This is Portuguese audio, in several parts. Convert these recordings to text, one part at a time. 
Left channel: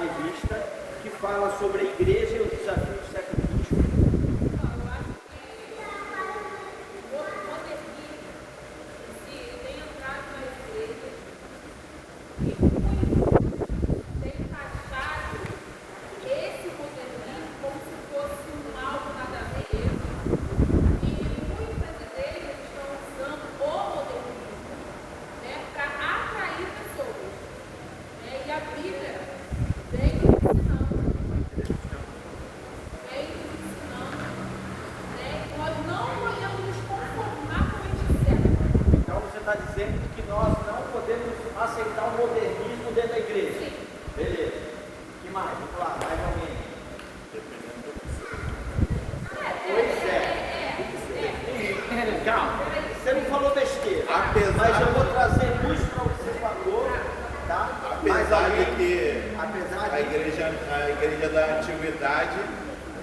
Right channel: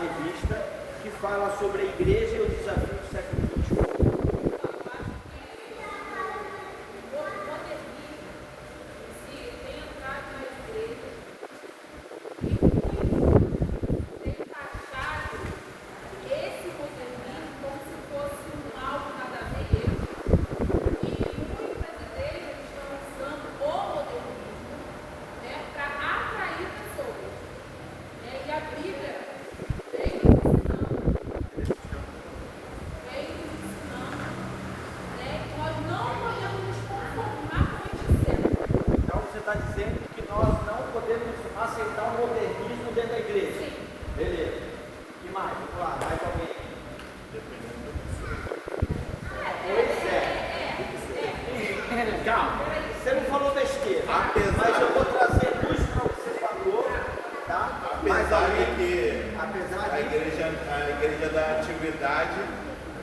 revista que fala sobre a igreja e os desafios do século XXI.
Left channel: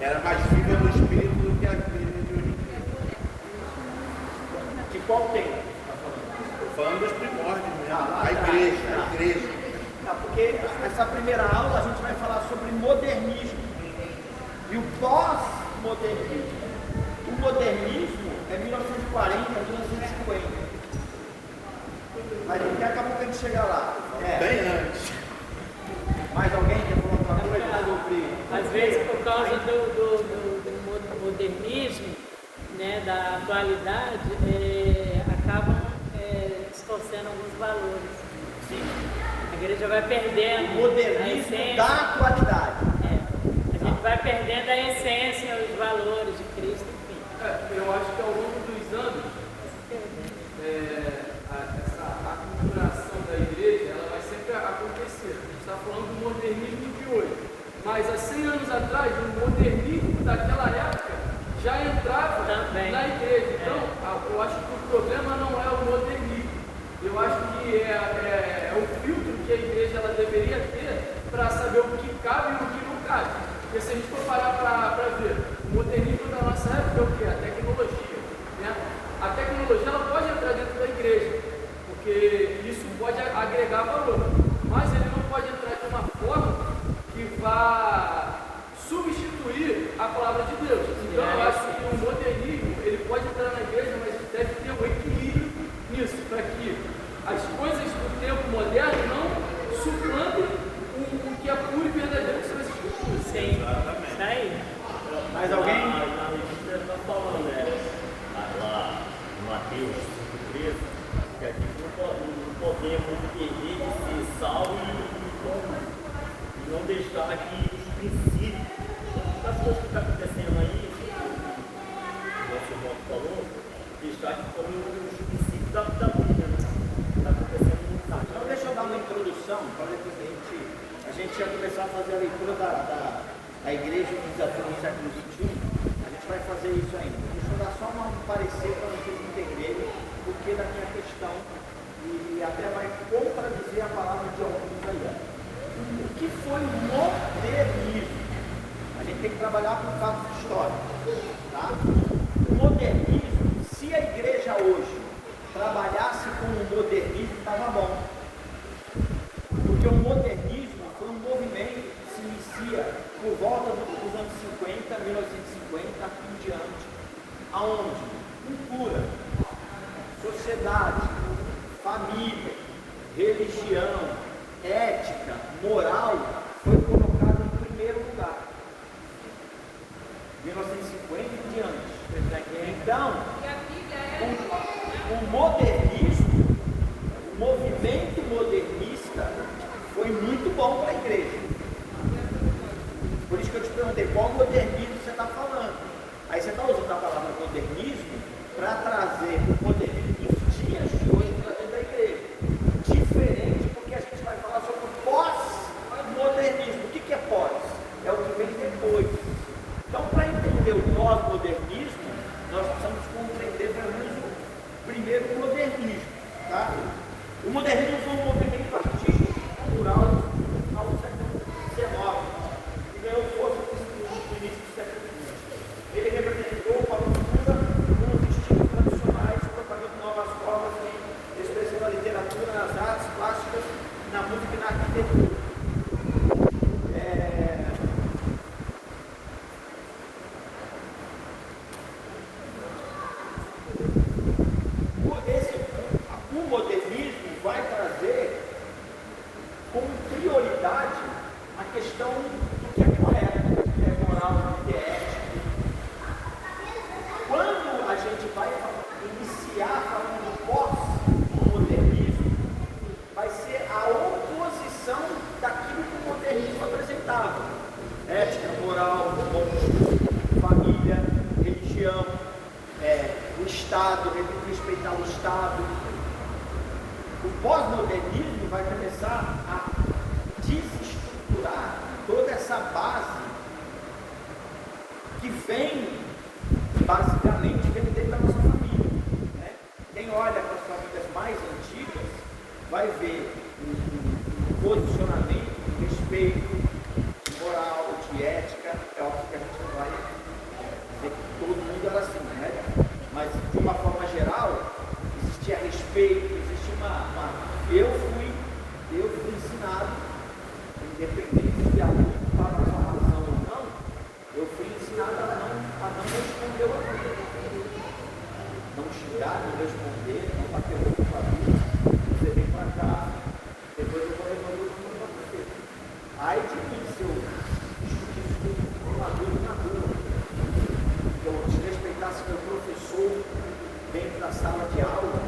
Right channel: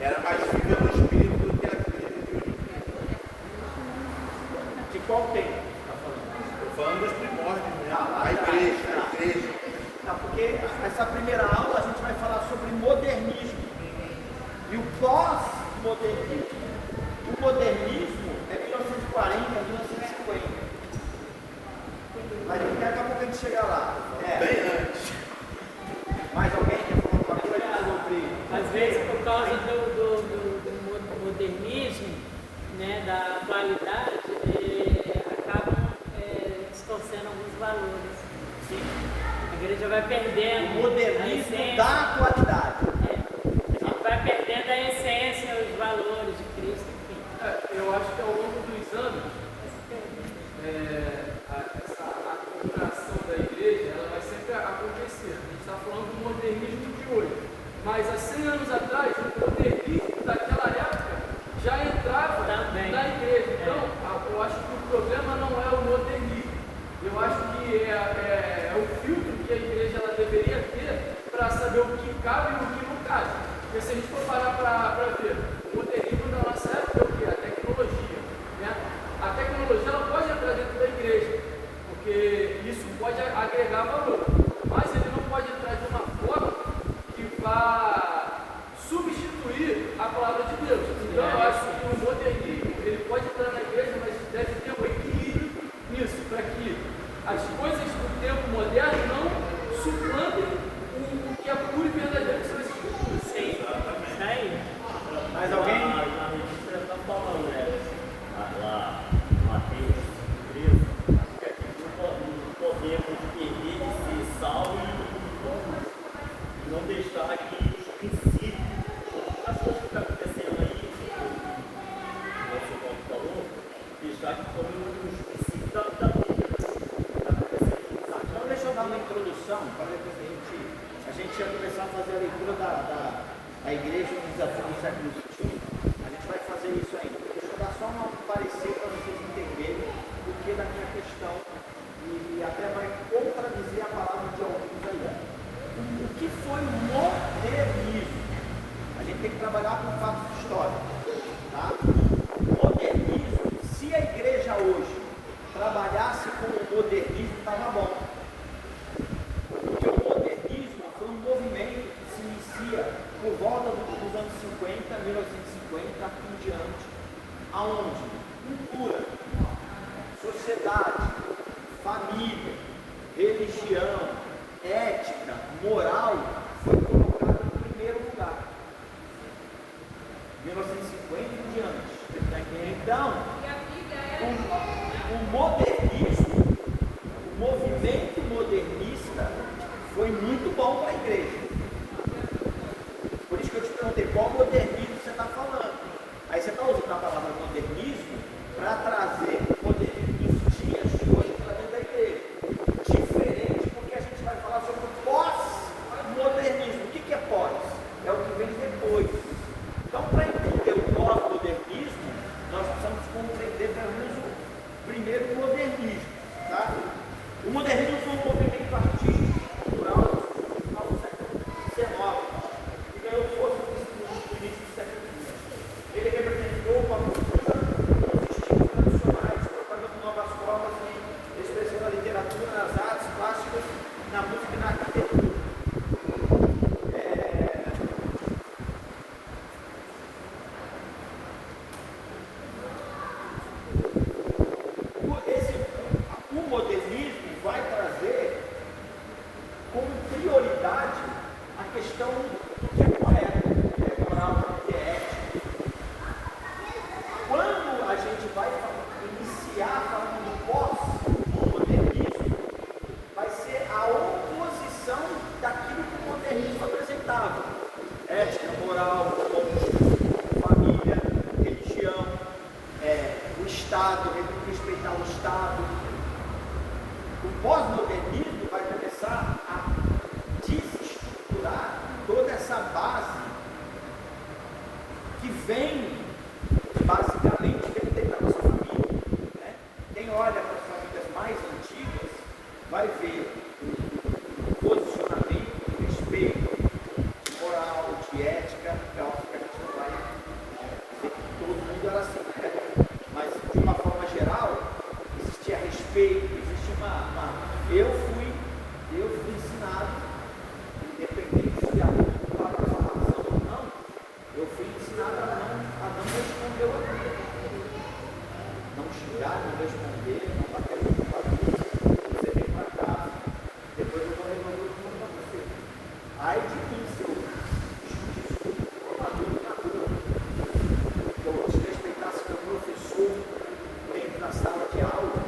Era mais viva no espírito do que a igreja de hoje em dia. De qual tempo? Estou falando dos primórdios mesmo. A igreja. Não, porque essa primeira aula a gente vai falar sobre modernismo e o pós-modernismo. O modernismo é 1940, 1950. Mas daqui a pouco a gente chega lá. Bem antes. Mais alguém quer falar alguma coisa sobre... Às vezes, por causa do modernismo, né, da atualidade, acabam distorcendo alguns valores. A igreja vai perdendo o modernismo da atualidade. A gente vai perdendo a essência, os valores de Cristo. Eu acho que ao longo dos anos, a configuração da igreja ela vai sempre acontecer. A gente está falando do modernismo de hoje. Mas há 100 anos atrás, o modernismo daquela época já entrava na igreja. Então, eu acho que o problema não é o modernismo. Eu acho que é o filtro que a igreja ela deveria ter para saber o que cabe e o que não cabe. Porque se a gente for parar para ver, o modernismo da nossa época é o quê? A tecnologia. Né? A tecnologia ela pode entrar dentro da igreja, porque isso pode agregar valor. Mas ele não pode entrar de uma forma que vá substituir a palavra de Deus. Então eu acho que o modernismo ele pode entrar na igreja, mas deve ter um equilíbrio nisso, para que as coisas do tempo moderno não suplantem o que é puro e verdadeiro que são as escrituras. Sim, isso aí. Mais alguém? A notícia está falando, lá no Mateus 13, que aqui não podemos perder de ser salvos e não deixar que os princípios, as coisas que estão acontecendo aí, o nosso irmão falou, deixar que tomem os princípios da vida. Então deixa eu dar uma introdução, para depois a gente ia começar a fazer a leitura da igreja e desafio do século XXI. A gente vai fazer isso ainda. Deixa eu dar só um parecer para vocês entenderem o que daquela questão e até vai contradizer a palavra de alguns aí. O que foi o modernismo? A gente tem que trabalhar com fatos históricos. Tá? O modernismo, se a igreja hoje trabalhasse com o modernismo, estava bom. Porque o modernismo foi um movimento que se inicia por volta dos anos 50, 1950 em diante, aonde cultura, sociedade, família, religião, ética, moral foi colocado em primeiro lugar. 1950 em diante. Então, o modernismo, o movimento modernista foi muito bom para a igreja. Por isso que eu te perguntei qual modernismo você está falando. Aí você está usando a palavra modernismo para trazer o modernismo que existia hoje para dentro da igreja. Diferente, porque a gente vai falar sobre o pós-modernismo. O que é pós? É o que vem depois. Então, para entender o pós-modernismo, nós precisamos compreender pelo menos o primeiro modernismo. Tá? O modernismo foi um movimento artístico cultural no final do século XIX, que ganhou força no início do século XX. Ele representou uma cultura com os estilos tradicionais. respeitavam. Ética, moral, família, religião, o Estado, respeitar o Estado. O pós-modernismo vai começar a desestruturar toda essa base que vem, basicamente, da nossa família. Né? Quem olha para as famílias mais antigas vai ver o posicionamento, de respeito, de moral, de ética. É óbvio que a gente não vai dizer que todo mundo era assim, né? Mas de uma forma geral, existia respeito, existe uma. Eu fui ensinado, independente se a outra estava com razão ou não, eu fui ensinado a não responder o outro. Não xingar, não responder, não bater o outro para mim, você vem para casa, depois eu vou resolver o que para você. Aí de mim, se eu discutisse com uma dúvida na rua, se eu desrespeitasse meu professor dentro da sala de aula,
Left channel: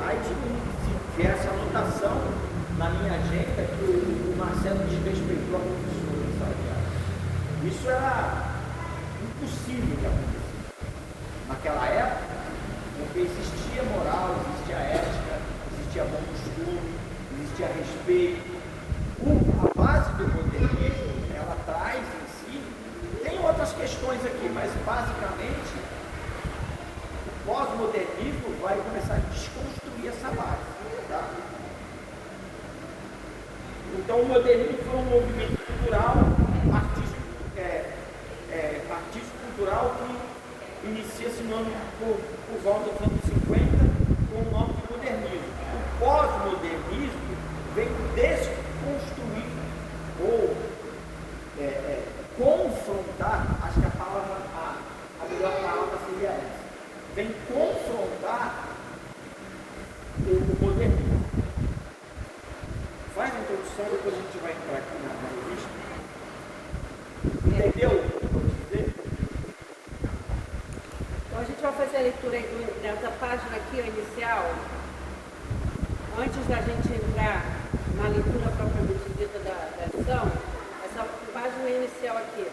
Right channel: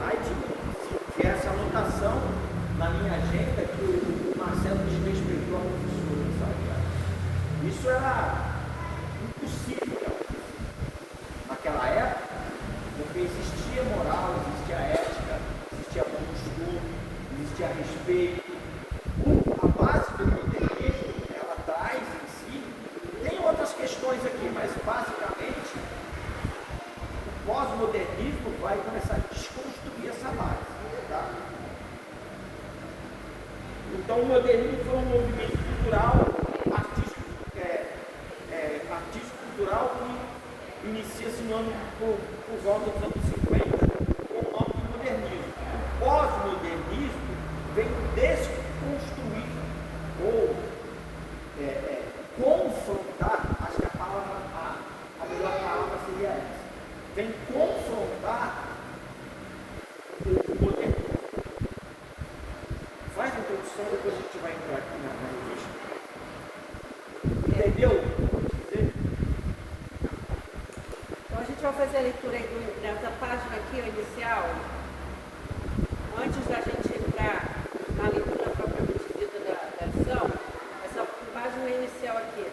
aí de mim, se viesse a anotação na minha agenda que o Marcelo desrespeitou a professora, sabe? Isso era impossível que acontecesse. Naquela época, porque existia moral, existia ética, existia bom costume, existia respeito. A base do modernismo, ela traz em si, tem outras questões aqui, mas basicamente o pós-modernismo vai começar a desconstruir essa base. Tá? Então o modernismo foi um movimento cultural, artístico cultural que inicia-se por volta dos anos 50 com o nome de modernismo. O pós-modernismo vem desconstruir ou confrontar, acho que a melhor palavra seria essa, vem confrontar o modernismo. Faz a introdução, depois a gente vai entrar aqui na revista. Entendeu? Então a gente vai fazer a leitura aí dessa página aqui, inicial, antes da gente entrar na leitura propriamente dita da lição, essa página inicial aqui.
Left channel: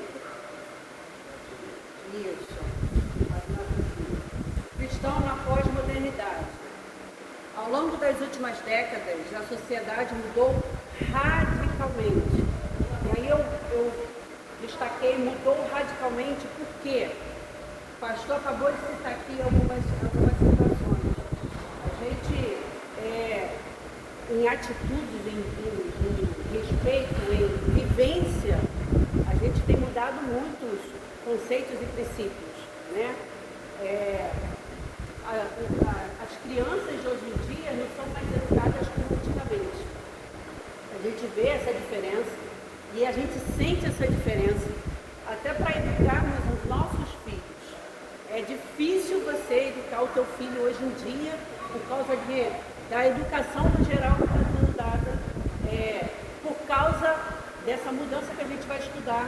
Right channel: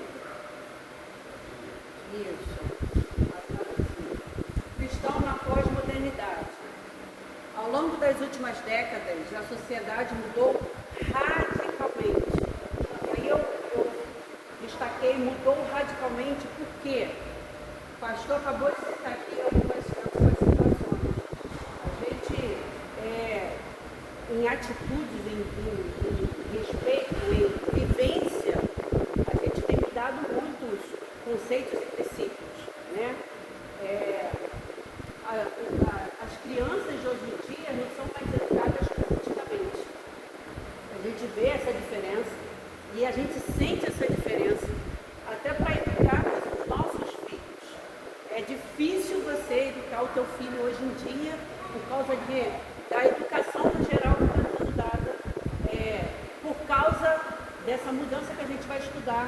Isso. Cristão na pós-modernidade. Ao longo das últimas décadas, a sociedade mudou radicalmente. E aí eu destaquei, mudou radicalmente porque o pastor acabou de citar aqui algumas situações. A gente, em atitudes, em respeito, em vivência, a gente tem mudado muitos conceitos e princípios, né? As crianças de hoje em dia não são mais educadas como antigamente. A gente vê essa diferença e a gente sente essa diferença até para educarmos os nossos filhos. É difícil você educar o teu filho hoje em dia por causa da educação no geral que está sendo dada, por causa dessa mudança que a gente vai estudar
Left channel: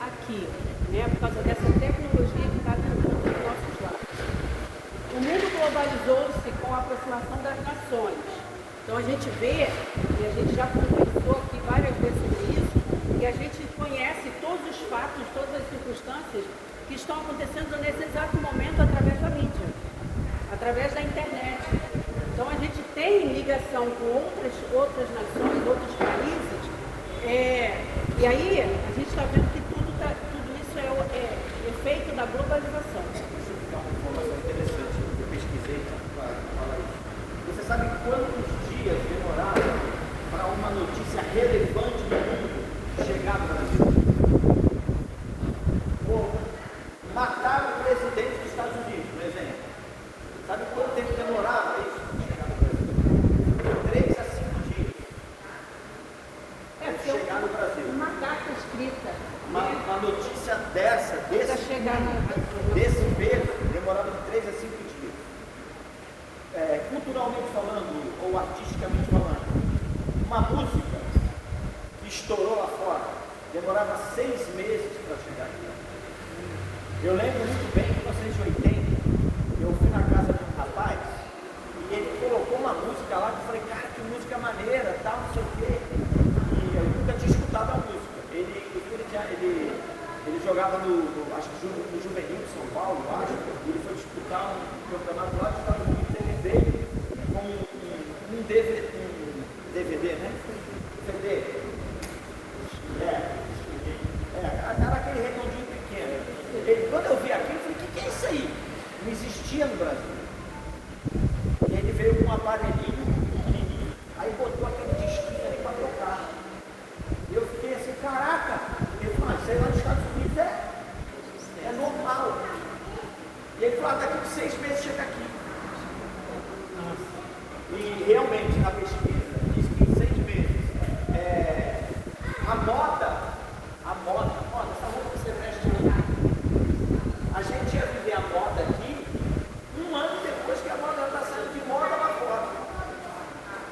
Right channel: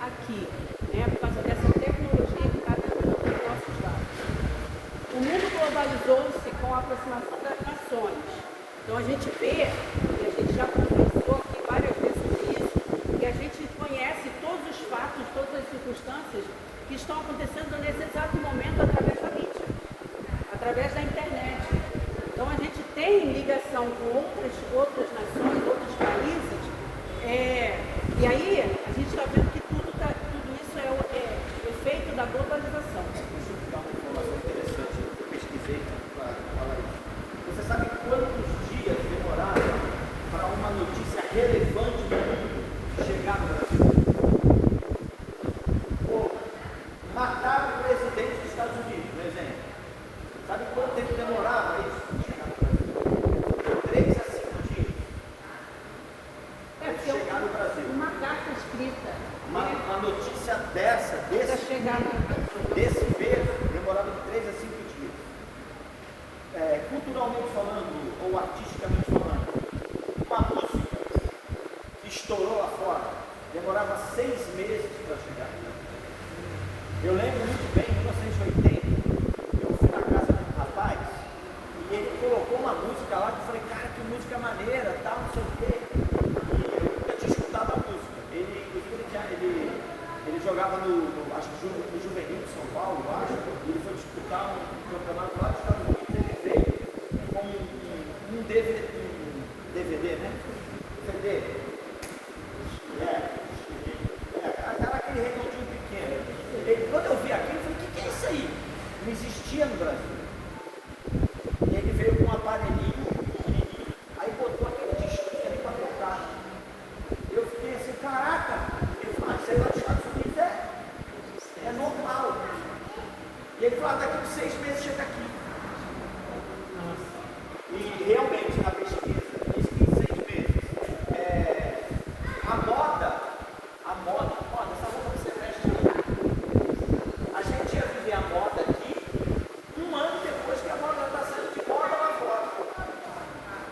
aqui, né? Por causa dessa tecnologia que está dentro dos nossos lares. O mundo globalizou-se com a aproximação das nações. Então a gente vê, e a gente já conversou aqui várias vezes sobre isso, e a gente conhece todos os fatos, todas as circunstâncias que estão acontecendo nesse exato momento através da mídia, através da internet. Então a gente tem ligação com outras nações, outros países, e aí a gente está vendo que tudo isso é efeito da globalização. Deixa eu te dar uma informação interessante que eu pesquisei para falar isso. Você sabe quantos dias demoraram para uma notícia relevante do mundo chegar no Brasil? Mataram o presidente dos Estados Unidos, por exemplo. Sabe quanto tempo demorava isso para chegar no Brasil? 3 a 5 dias. Porque chegar no Brasil. uma carta escrita, Uma notícia dessa, desse verde, demorava de 3 a 5 dias. Culturalmente falando, ou artisticamente falando, uma música que estourou lá fora, demorava 6 meses para chegar aqui. Eu lembro muito bem que em 1980, eu fui na casa de um rapaz, e ele colocou uma música lá, que eu falei, cara, que música maneira, tal, não sei o quê. E eu nunca tinha escutado a música. Ele jogava acho que no Juvenil de São Paulo, eu acho, ele foi disputar um campeonato lá, estava com o tênis dele, com um DVD, né? DVD. Era aquele redondinho pequeno. Quando eu vi aquilo, eu falei, o que é isso aí? Não existia no Brasil. E ele veio com um aparelhinho, aí botou aquele disquinho ali para tocar. Eu fiquei assim, caraca! Ele falou, isso aí lá nos Estados Unidos é normal. E ele falou, daqui uns 6 meses chega aqui. E realmente, na pesquisa, diz que em 6 meses, a moda, a gente ia viver a moda aqui 1 ano depois que a moda está saindo de moda lá fora.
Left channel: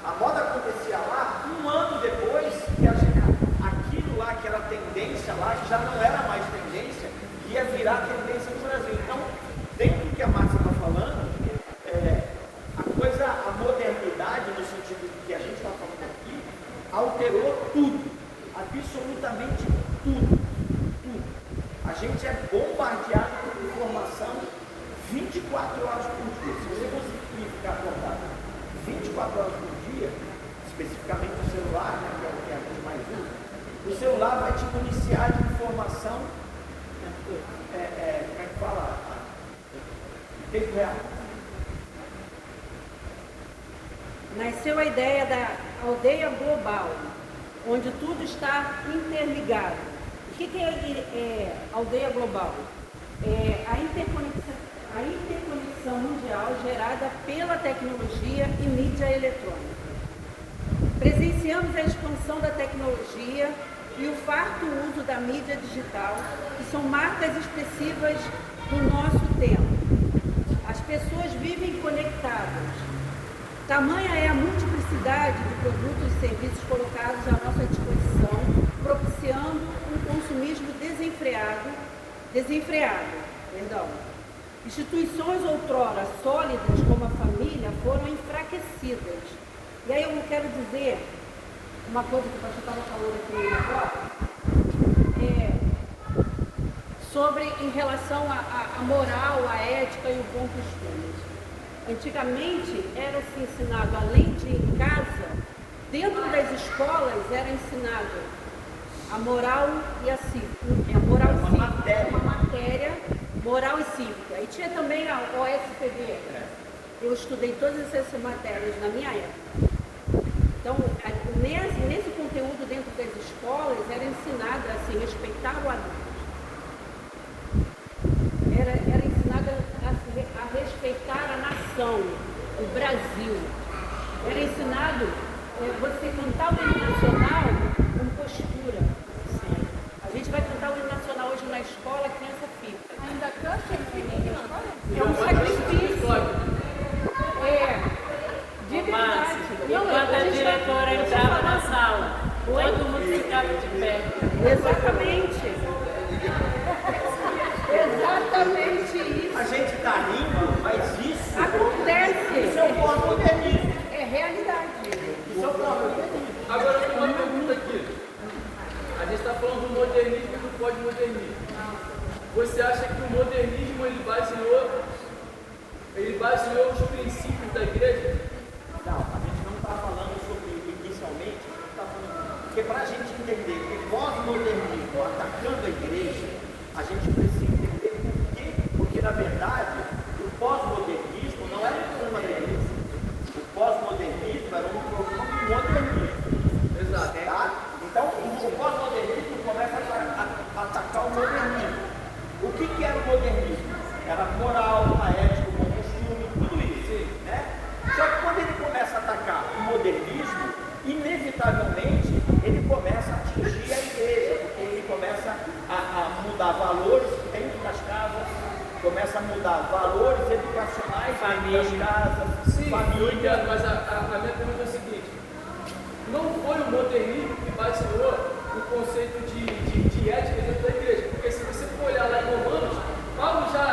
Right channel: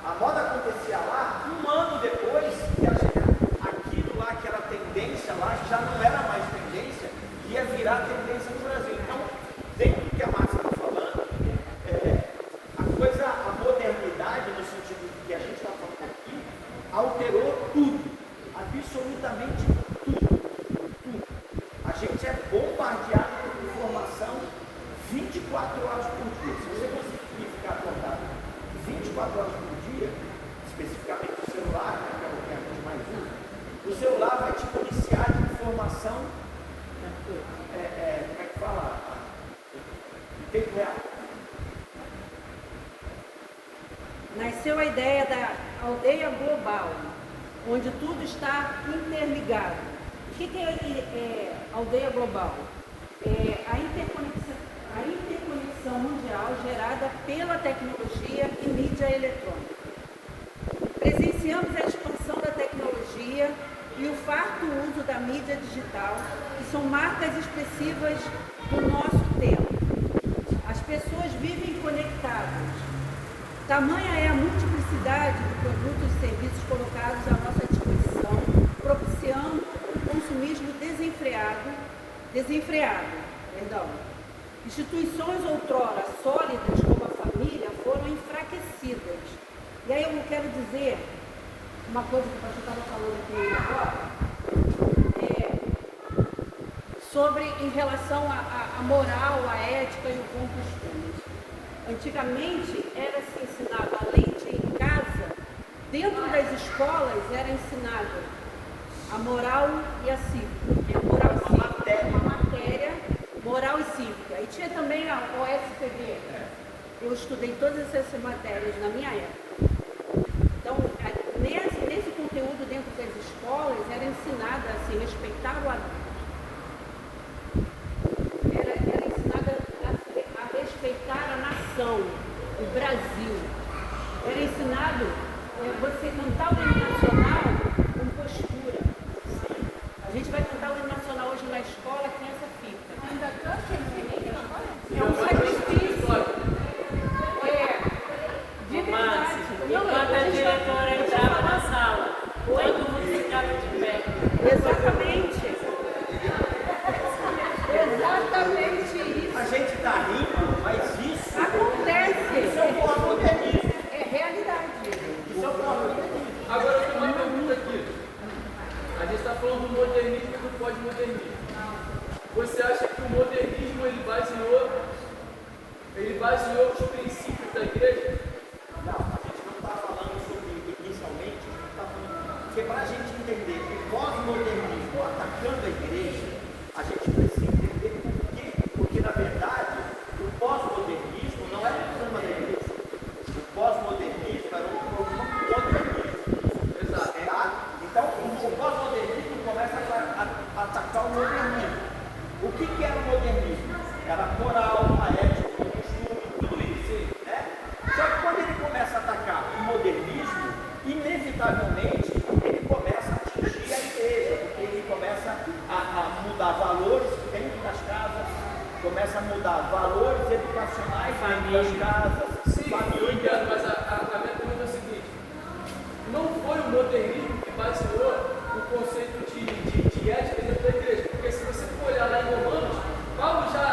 A moda acontecia lá 1 ano depois que aquilo lá que era tendência lá já não era mais tendência, ia virar tendência no Brasil. Então, dentro do que a Márcia está falando, a modernidade, no sentido de que a gente está falando aqui, alterou tudo, absolutamente tudo. A gente é bombardeado por informação 24 horas por dia. Se você conseguir ficar acordado 24 horas por dia, especificamente o celular, né, que é o que a gente mais usa, o celular vai te municiar de informação, como é que fala? Em tempo real. Nasceu a ideia da aldeia global, onde tudo está interligado. O que é aldeia global? É a interconexão mundial gerada pela tecnologia e mídia eletrônica. Presenciamos a expansão da tecnologia e o farto uso da mídia digital, que são marcas expressivas do nosso tempo. As pessoas vivem conectadas. Tamanha é a multiplicidade de produtos e serviços colocados à nossa disposição, propiciando um consumismo desenfreado. Instituições outrora sólidas, como a família, foram enfraquecidas. E aí eu quero dizer uma coisa que o pastor estava falando aqui agora, sobre em relação à moral, à ética e o bom costume. Antigamente era-se ensinado, além de em casa, dentro das escolas era ensinado a moral e a cívica. A moral e cívica era uma matéria, moral e cívica. E tinha também a OSPB. Eu estudei todas essas matérias na minha época. Então, nesse conteúdo dentro das escolas era ensinado assim, respeitar o adulto. Era ensinado a respeitar a nação, o Brasil. Era ensinado você cantar o hino nacional com postura. A gente vai cantar o hino nacional hoje na escola com essa fita. É um sacrifício. De verdade. Enquanto a diretora entrava na sala, todo mundo ficava de pé. Exatamente. Exatamente isso. A gente está rindo, mas isso Acontece. Isso é um pós-modernismo. É realidade. Isso é um pós-modernismo. Agora eu tenho uma pergunta aqui. A gente está falando do modernismo e do pós-modernismo. Você acha que o modernismo ele baseou os princípios da igreja? Não, a gente não está falando sobre inicialmente, a gente está falando. Porque para a gente entender o pós-modernismo atacando a igreja, a gente precisa entender por quê. Porque, na verdade, o pós-modernismo não era um problema da igreja. O pós-modernismo era um problema contra a igreja. Exato. Tá? Então, o pós-modernismo começa a atacar o modernismo. O que era o modernismo? Era a moral, a ética, o costume, tudo isso. Né? Só que quando ele começa a atacar o modernismo, inevitavelmente ele começa a atingir a igreja, porque ele começa a mudar valores dentro das casas, começa a mudar valores educacionais dentro das casas, Sim, eu entendo, mas a minha pergunta é a seguinte: não foi o modernismo que baseou o conceito de ética dentro da igreja? Porque se você for olhar lá em Romanos, Paulo já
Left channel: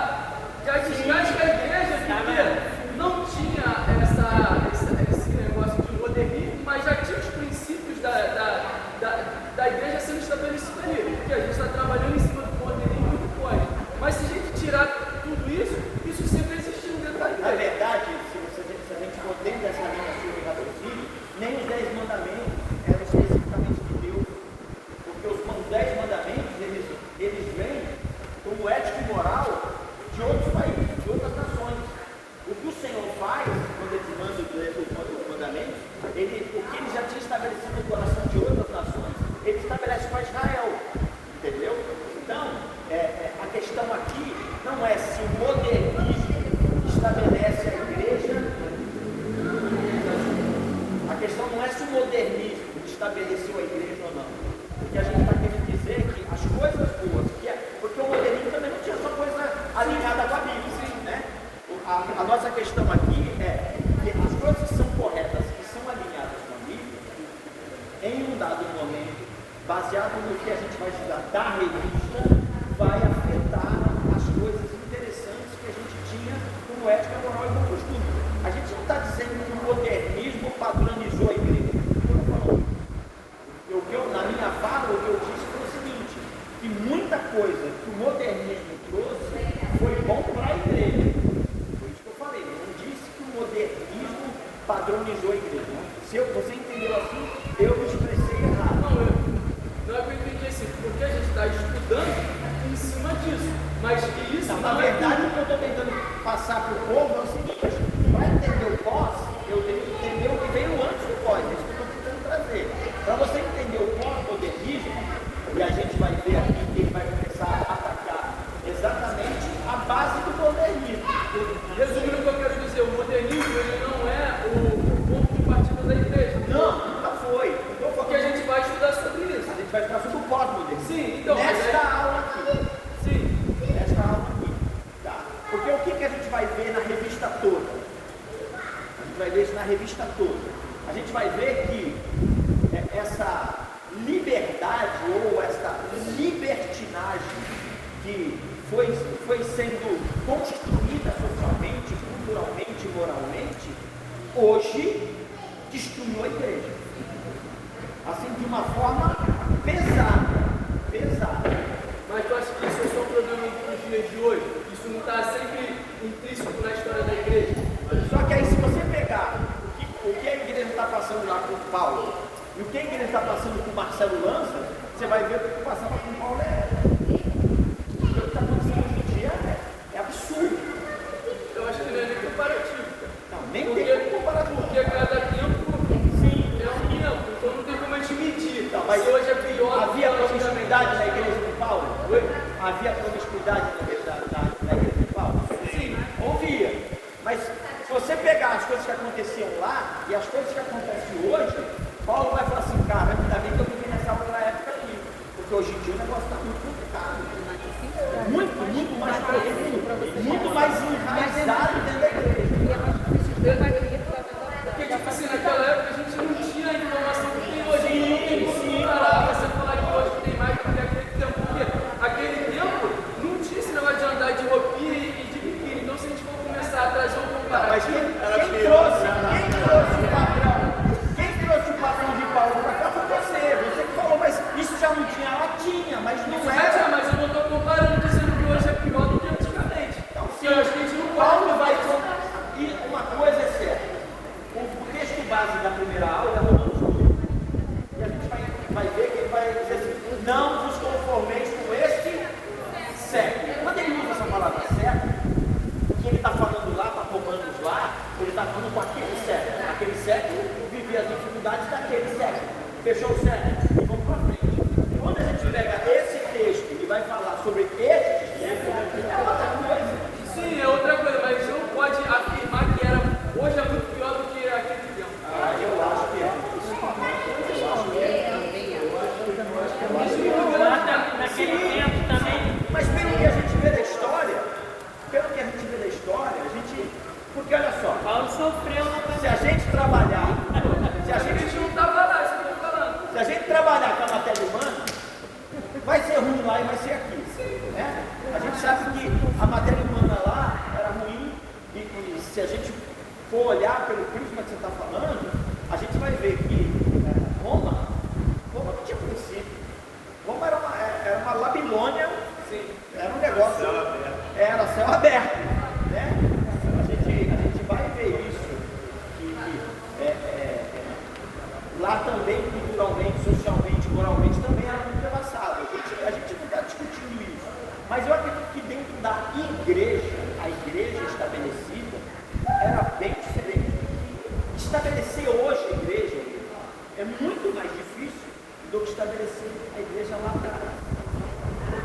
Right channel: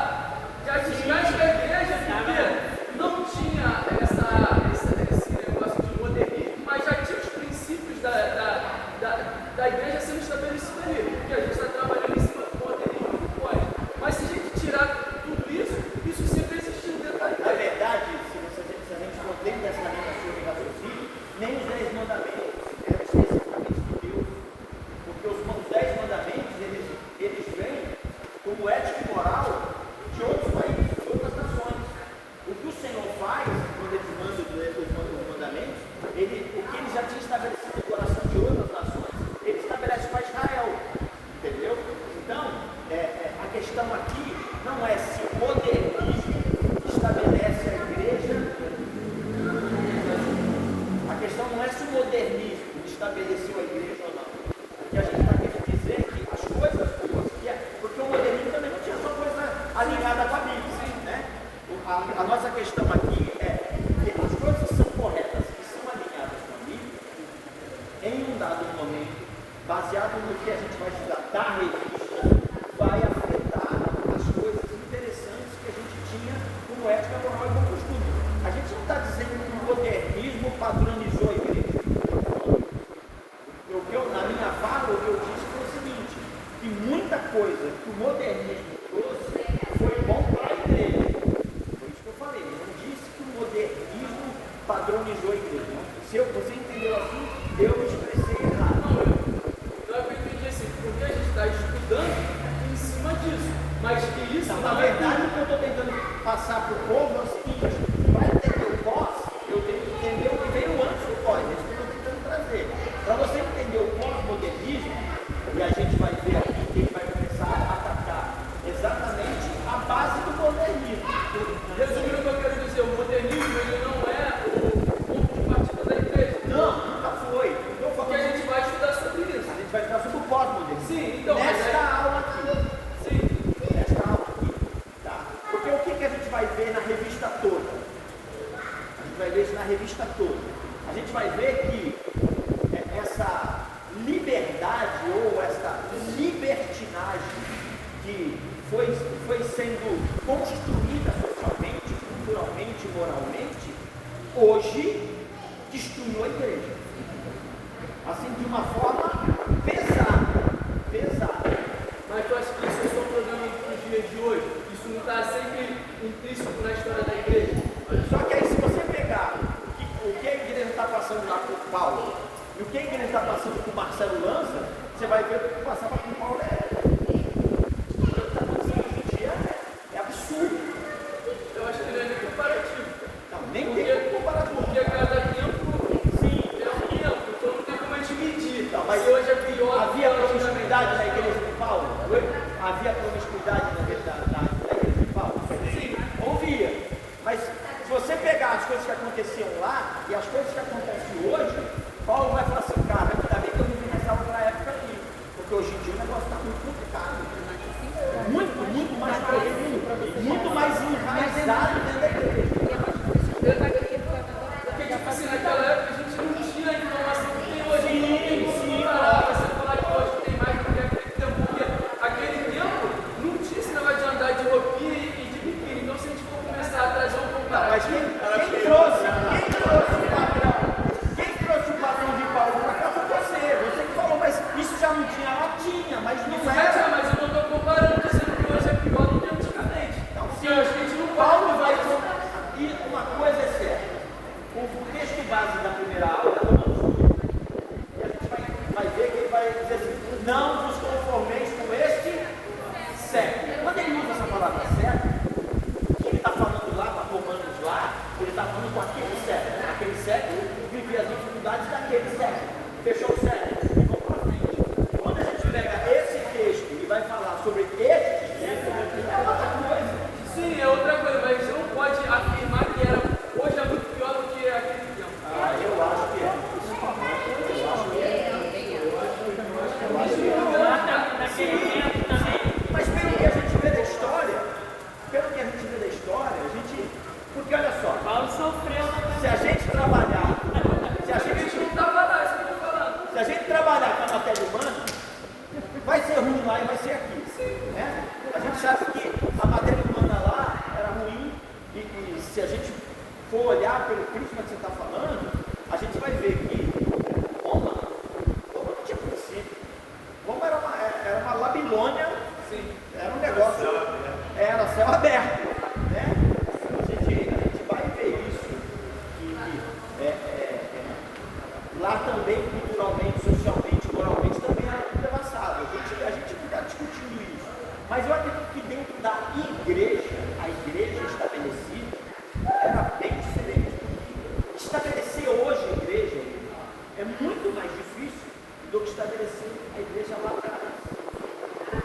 desgasta a igreja porque não tinha esse negócio de modernismo, mas já tinha os princípios da igreja sendo estabelecidos ali. Porque a gente está trabalhando em cima do modernismo. como ética e moral de outros países, de outras nações. O que o Senhor faz, quando ele manda os mandamentos, o que ele já tinha estabelecido no coração de outras nações, ele estabelece para Israel. Entendeu? Então, a questão aqui não é se o modernismo estabelece a igreja. A questão não é se o modernismo estabeleceu a igreja ou não. O que a gente está querendo dizer é que as coisas boas, porque o modernismo também não tinha só coisa alinhada com a Bíblia, né? A nossa questão aqui é que as coisas são corretas e são alinhadas com a Bíblia em um dado momento, baseado no que a gente vai estudar da revista, vai afetar as coisas interessantes que a gente tinha como ética, moral e bom costume. A gente não está dizendo que o modernismo padronizou a igreja. Na minha fala, o que eu disse foi o seguinte, que muita coisa que o modernismo trouxe foi bom para a igreja. Foi isso que eu falei. Eu não disse que o modernismo padronizou a igreja. Não. Se você entendeu assim, eu me expressei errado. Eu entendi assim, porque a gente está estudando em cima disso. Mas que isso. Não, na verdade, o que eu estou tentando passar para o povo é o seguinte: para entender o pós, eu tenho que entender o que veio antes do pós. É isso que eu estou tentando trazer. Para você entender o pós-modernismo, e a gente vai ver aqui que ele vai começar a tratar exatamente a base do modernismo. Resumindo o que eu quero dizer, o modernismo ele não é o ponto de partida da igreja. Não, nunca foi. Porque a gente vai estudar sobre isso. A gente vai estudar sobre o pós-modernismo. Sim, então. Nesta aula aqui. Sim. Nesta aula aqui. Tá. Porque o que a gente vai ver na revista toda? A gente vai ver isso na revista toda. A gente vai ver que essa liberdade ou essa libertinagem que foi sendo construída socialmente, culturalmente, moralmente, hoje destruiu a igreja. Assim, de uma forma pesada. Mas tu acha que isso é só problema nos dias de hoje? Isso não está sempre intrínseco na história da igreja? Só que aí, se você pegar o que a igreja está passando lá com Paulo e o que a igreja está passando com Marcelo Lança, você vai ver que o que passava com Paulo o que está acontecendo hoje em dia é absurdo. Eu acho que não é nem comparativo. Não, nem tem comparativo. Porque cada tempo é um tempo, então não tem como a gente medir. Não, mas se hoje é pior, havia promiscuidade na igreja de Paulo? Havia promiscuidade na igreja de Paulo? Sim, havia. Mas se você pegar as coisas que aconteciam lá e as coisas que acontecem hoje, Paulo vai falar assim, cara, ainda bem que eu vivi nessa outra época aqui, porque hoje em dia o negócio está muito complicado. Muito mais profundo, muito mais enraizado dentro da igreja. porque tipo assim, naquela época a gente não tinha informação que tem hoje, não tem como comparar. Você falar que hoje tem mais do que aquele tempo, porque aquele tempo não tinha esse negócio de andar de roupinha e de biquíni. Então se a gente for começar a trazer um Não, mas comparativo, quem trouxe o padrão de Paulo para cá foi você. Você que falou, mas isso já não tinha lá, tinha, mas não era. mas eu não estou comparando, dizendo que hoje é pior do que antigamente. Então, E eu acho que a gente não pode. Paulo vai. E uma coisa é certa: o texto base da primeira aula, e a gente vai ver que ele vai dizer assim: não vos conformeis com este século. Quando ele usa essa palavra século, o que ele está falando lá, está Romanos lá, ele está falando com aquele século. Aquele século vivia as dificuldades daquele século. Fechou o século? Vamos para frente. Quando a gente pega esse texto e vai falar sobre este século, é outra coisa. Sim, é outra coisa, mas a gente não pode afirmar que hoje é muito pior do que aquele tempo. Eu acho que é. Naquele tempo também. Mas pelo que a gente vê da história, porque olha só, Paulo sofreu. se a gente trabalhar, se a gente trabalhar com a matéria humana, vai ser ruim lá e vai ser aqui. Né? A gente sabe que a matéria humana lá era ruim e se a gente for olhar pelo prisma que você está falando, a gente vai ver que Roma não tinha princípio. Roma era uma Babilônia, era um negócio, era céu aberto. Né? A gente vai ver isso. Lá também, culturalmente, socialmente, moralmente, também era muito avançado. A gente não está discutindo isso. Mas eu acredito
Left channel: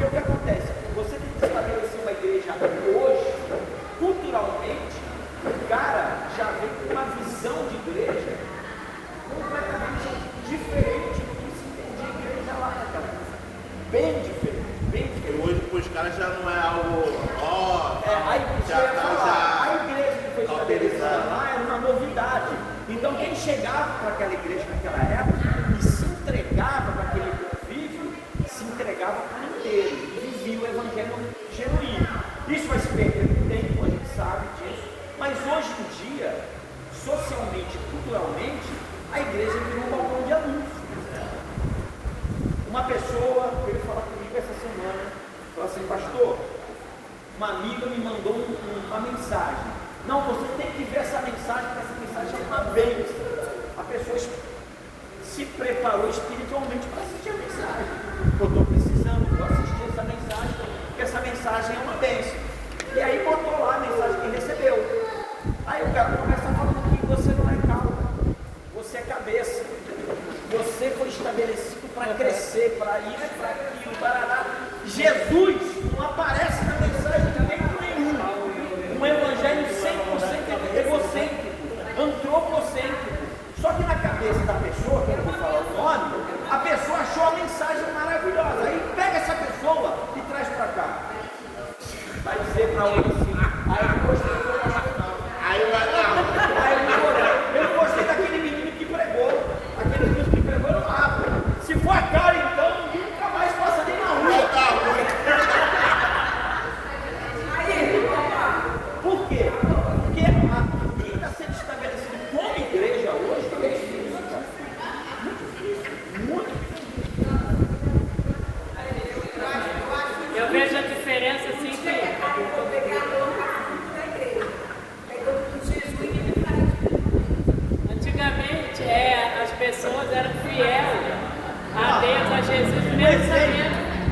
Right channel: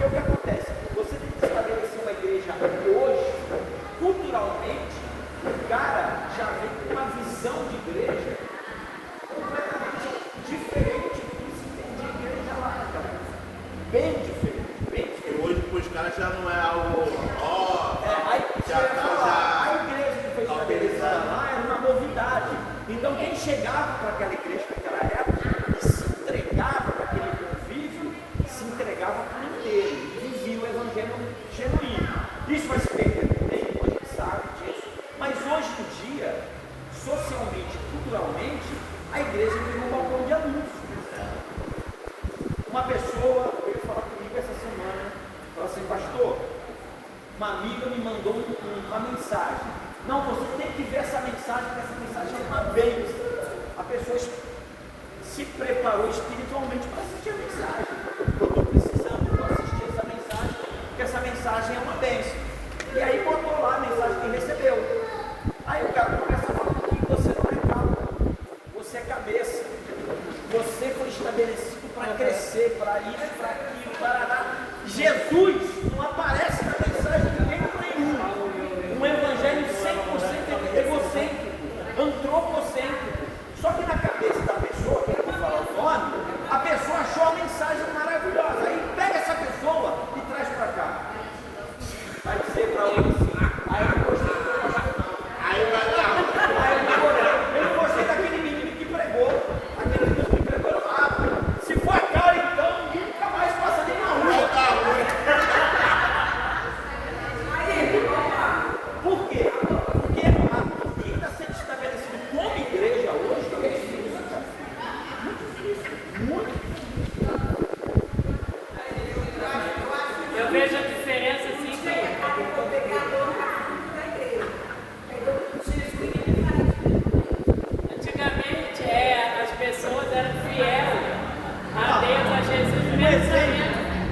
Porque o que acontece? Você tem que estabelecer uma igreja hoje, culturalmente, o cara já vem com uma visão de igreja completamente diferente do que se entendia de igreja lá naquela época. Bem diferente, bem diferente. Hoje para os caras já não é algo. A igreja que foi estabelecida lá era uma novidade. Então quem chegava para aquela igreja naquela época e se entregava para aquele convívio, se entregava por inteiro, vivia o evangelho genuíno. Isso vai se perder com o tempo, a gente sabe disso. Mas hoje em dia, socialmente, culturalmente, a igreja virou um balcão de anúncio. Uma pessoa veio falar comigo essa semana, falou assim, pastor, uma amiga me mandou uma mensagem. Não, você tem que ver essa mensagem, porque essa mensagem é uma bênção. A pessoa se preparou espiritualmente para assistir a mensagem. Eu estou precisando, vou assistir essa mensagem, porque essa mensagem é uma bênção. E aí botou lá a mensagem que recebeu. Aí o cara começa a falar que você não é calma, você é cabeça. Você foi estabelecido para crescer, para isso, para aquilo, para... Jesus não aparece na mensagem de jeito nenhum. Um evangelho 100% egocêntrico, antropocêntrico. Só que na cabeça da pessoa, que eu vou falar o nome, a pessoa achou a mensagem maravilhosa. Aí pega essa pessoa e traz para cá. Vai dizer para ele assim, aí eu não gostei daquele menino que pregou. Aquele menino que pregou, eu falo, se for a cara, então nunca mais passa de uma rua. Por quê? Porque o que está sendo estabelecido como igreja hoje é difícil, cara. Muito difícil. Eu vejo a diferença assim que antigamente as pessoas eram fiéis a Deus, a Jesus, mesmo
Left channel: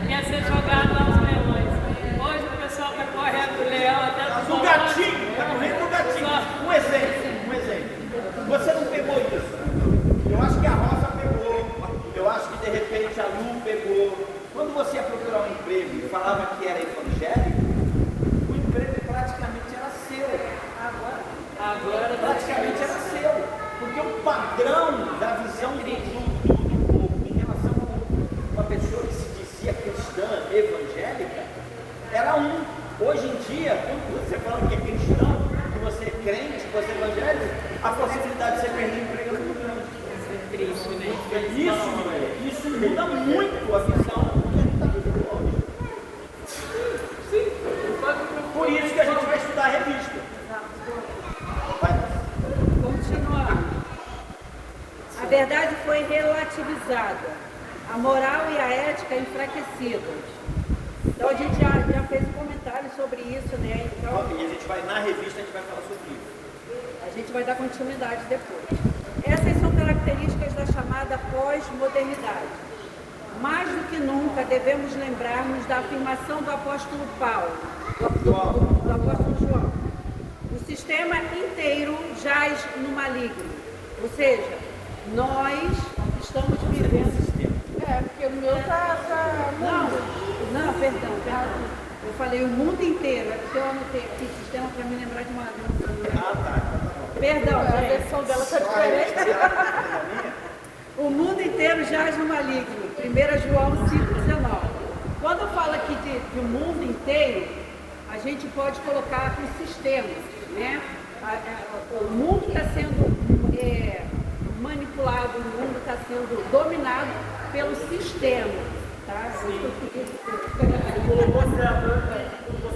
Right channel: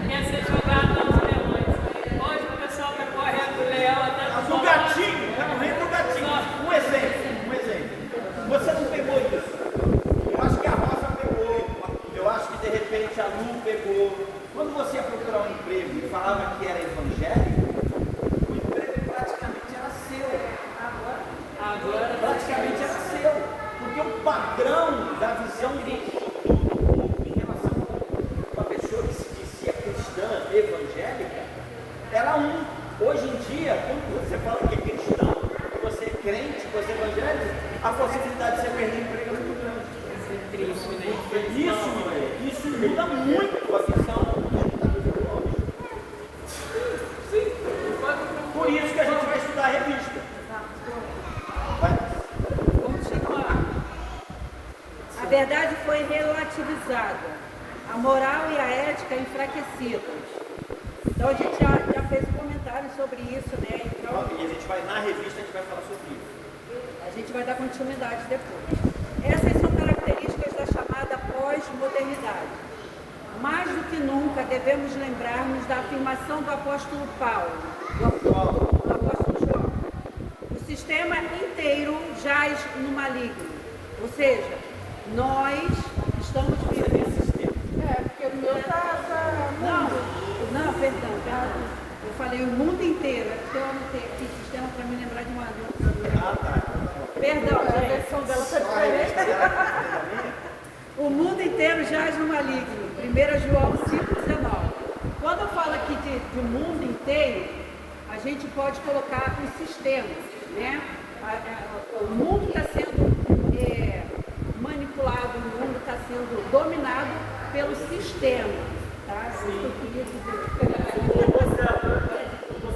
que ia ser jogado aos leões. Hoje o pessoal que corre do leão até Do gatinho, é o reino do gatinho. Um exemplo. Você não pegou isso. Eu acho que a Rosa pegou. Eu acho que de repente a Lu pegou. Quando você ia procurar um emprego e falava que era evangélico, o emprego praticamente era seu. Agora praticamente era seu. Porque o padrão da visão do povo em relação a uma pessoa que se dizia cristã, evangélica, era um. Hoje em dia, quando você fala que é cristão, que você é crente, que você é evangélico, a possibilidade de você perder o emprego é muito grande. Isso muda muito a visão que a gente está vivendo hoje. Por isso que a gente vai estudar a revista. Vai. Continuar. A verdade foi relativizada, a moral e a ética enfraquecidas. Então a gente já fez um comentário sobre isso, né? Então, E a gente vai na revista, a gente vai falar sobre isso. a gente vai dar continuidade depois. Essas são características da chamada pós-modernidade. Mais do que nunca devemos lembrar-nos da afirmação do apóstolo Paulo, do apóstolo João. O sistema inteiro jaz no maligno. Ou seja, nós estamos vivendo... Porque o meu Não, perdão. Eu falei o mundo inteiro, é porque eu anotei aqui sistema para me lembrar de uma Perdão, gente. O mundo inteiro jaz no maligno. 1 João 5,19. Quando fala aqui de mundo inteiro, a gente pode colocar o sistema, né? O mundo está sendo manipulado, o mundo está sendo dominado pelo sistema, tá?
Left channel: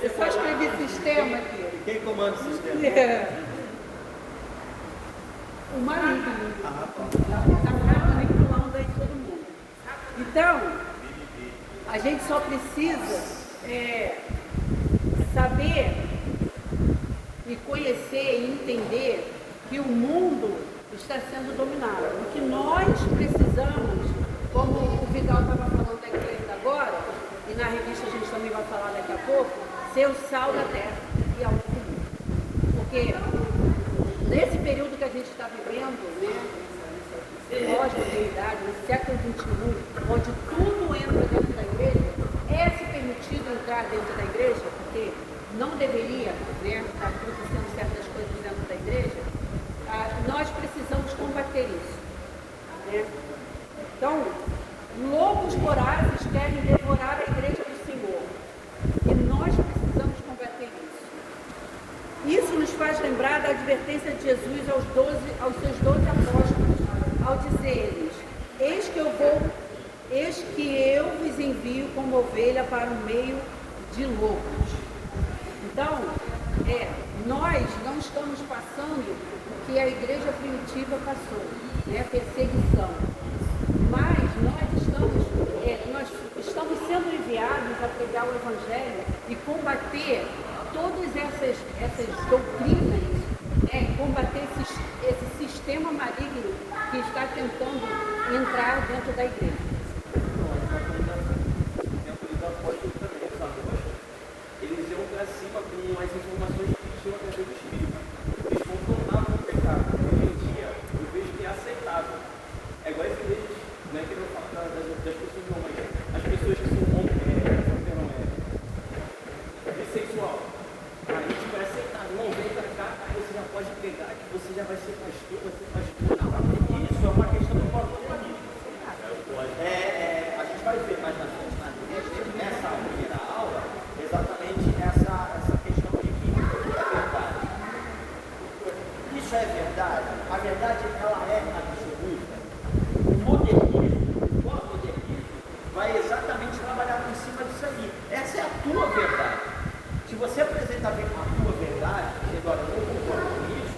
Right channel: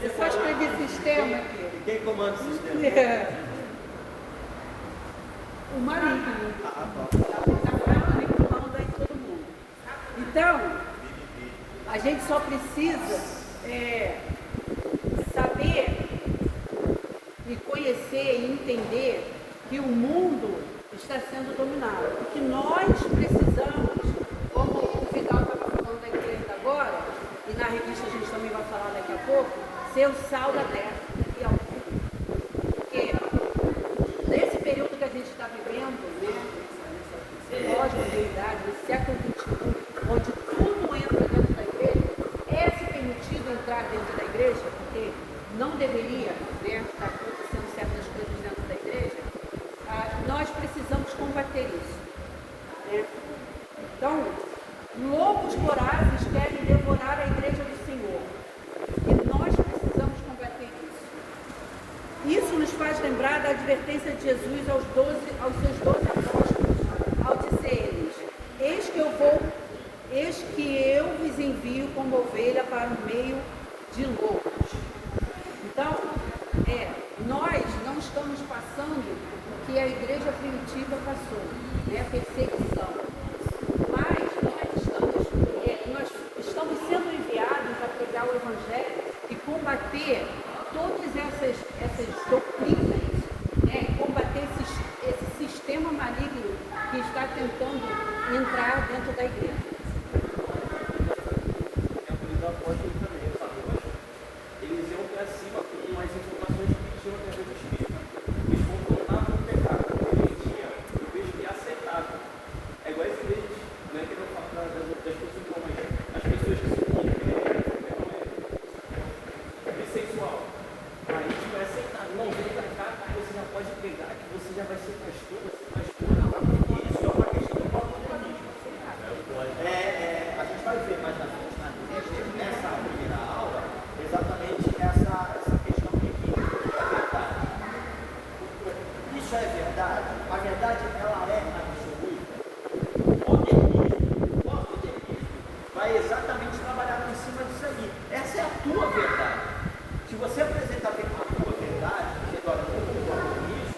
Eu só escrevi sistema aqui. Quem comanda o sistema? O maligno está manipulando aí todo mundo. Então, a gente só precisa saber e conhecer e entender que o mundo está sendo dominado. E que nós precisamos, como o Vidal estava falando da igreja agora, e na revista a gente também vai falar daqui a pouco, ser o sal da terra e ao fim. Porque nesse período que a gente está vivendo, né, pós-modernidade, no século XXI, onde tudo entra dentro da igreja, esse período lugar dentro da igreja, porque não deveria, né, estar acontecendo certas coisas dentro da igreja, nós precisamos combater isso, né? Então, lobos vorazes querem devorar a igreja do Senhor, e nós precisamos combater isso. Isso nos faz lembrar da advertência de Jesus aos seus 12 apóstolos, ao dizer-lhes: eis que eu vos envio como ovelha para o meio de lobos. Então, nós não estamos passando o que a igreja primitiva passou, né? Perseguição. Mas nós estamos sendo enviados a pregar o Evangelho e combater todas essas doutrinas, né? Combater esse sistema maligno que está tentando entrar dentro da igreja. Eles iam para cima com umas informações que tinham dentro do Espírito. Eles concordavam com o pecado, repentia, em vez de aceitável. É igual esse deles, não é que eu falo das pessoas normais, as pessoas que são bissexual. A gente vai aceitar, não vem para cá, aí você já pode pegar, que você já vai ser pastor, isso é uma questão do próprio caminho. A gente vai ver mais na frente, nessa primeira aula, exatamente essa questão de verdade. Isso é verdade? A verdade ela é absoluta. O modernismo vai exatamente trabalhar em cima disso aí. Essa é a tua verdade. Se você apresentar a tua verdade, dizendo, olha, eu não concordo com isso,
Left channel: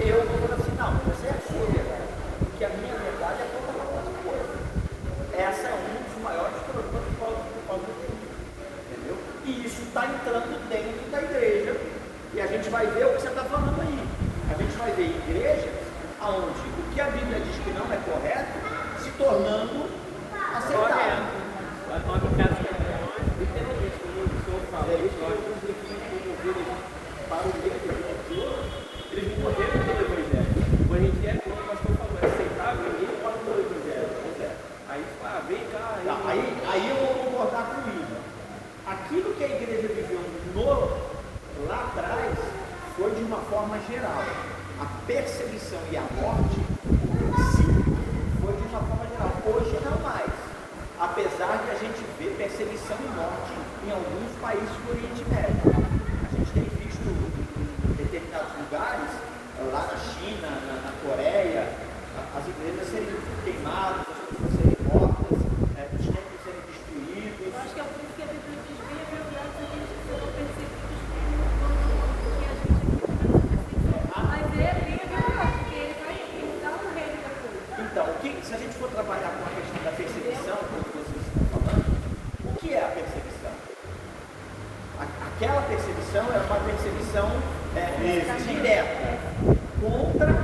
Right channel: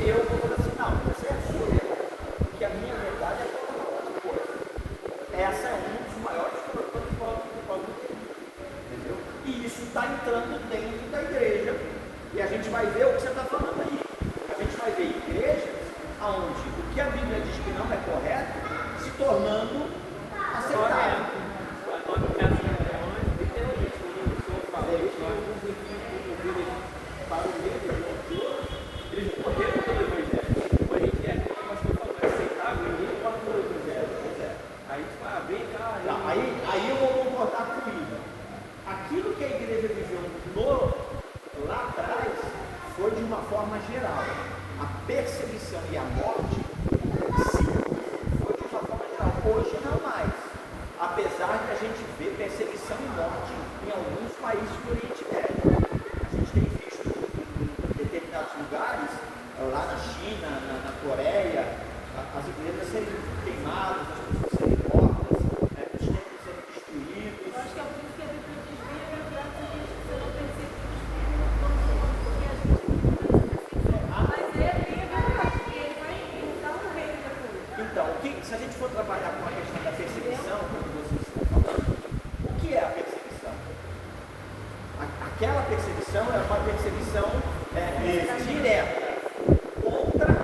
eu vou falar assim, não, você é a sua verdade. Porque a minha verdade é que eu não concordo com isso. Essa é um dos maiores problemas do povo. Entendeu? E isso está entrando dentro da igreja. E a gente vai ver o que você está falando aí. A gente vai ver igrejas onde o que a Bíblia diz que não é correto se tornando aceitável. Eles morreram pelo Evangelho. Quando a gente quer que nós aceitável, ninguém pode pelo Evangelho. Pois é. Aí, vem cá. Aí eu vou concordar com isso. Aquilo que a igreja viveu lá atrás foi de uma forma geral. A perseguição e a morte, sim, foi de uma forma geral. Hoje não mais. Apesar de a gente ver perseguição e morte em alguns países do Oriente Médio. A gente tem visto em determinados lugares, lá na China, na Coreia, as igrejas serem queimadas, as pessoas serem mortas, os templos serem destruídos. Eu acho que é o que a Bíblia desvia para o nosso princípio. Mas é a Bíblia que ele vai então Então, se a gente for trabalhar com a questão da perseguição, como vocês estão falando, o que é a perseguição? Aquela perseguição é uma perseguição direta contra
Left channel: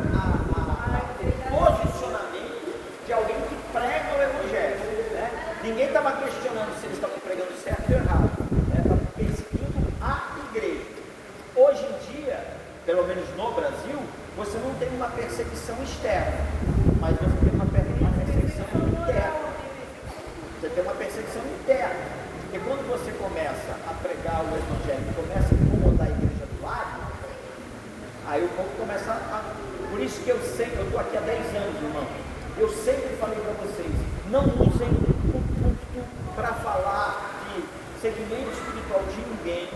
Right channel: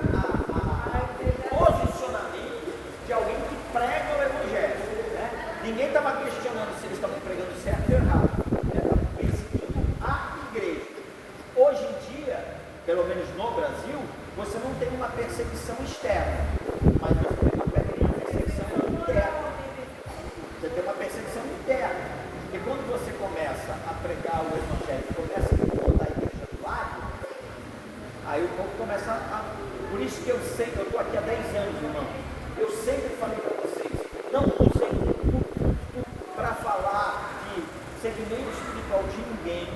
o posicionamento de alguém que prega o Evangelho. Né? Ninguém estava questionando se eles estavam pregando certo ou errado. Estava perseguindo a igreja. Hoje em dia, pelo menos no Brasil, você não tem uma perseguição externa, mas você tem uma perseguição interna. Você tem uma perseguição interna. E quando você começa a pregar o Evangelho, começa a incomodar a igreja do lado, aí o povo começa a... Por isso que eu estou aqui há 10 anos, irmão. Eu sempre falei para vocês, não usem o púlpito para falar de segmento espiritual de ninguém.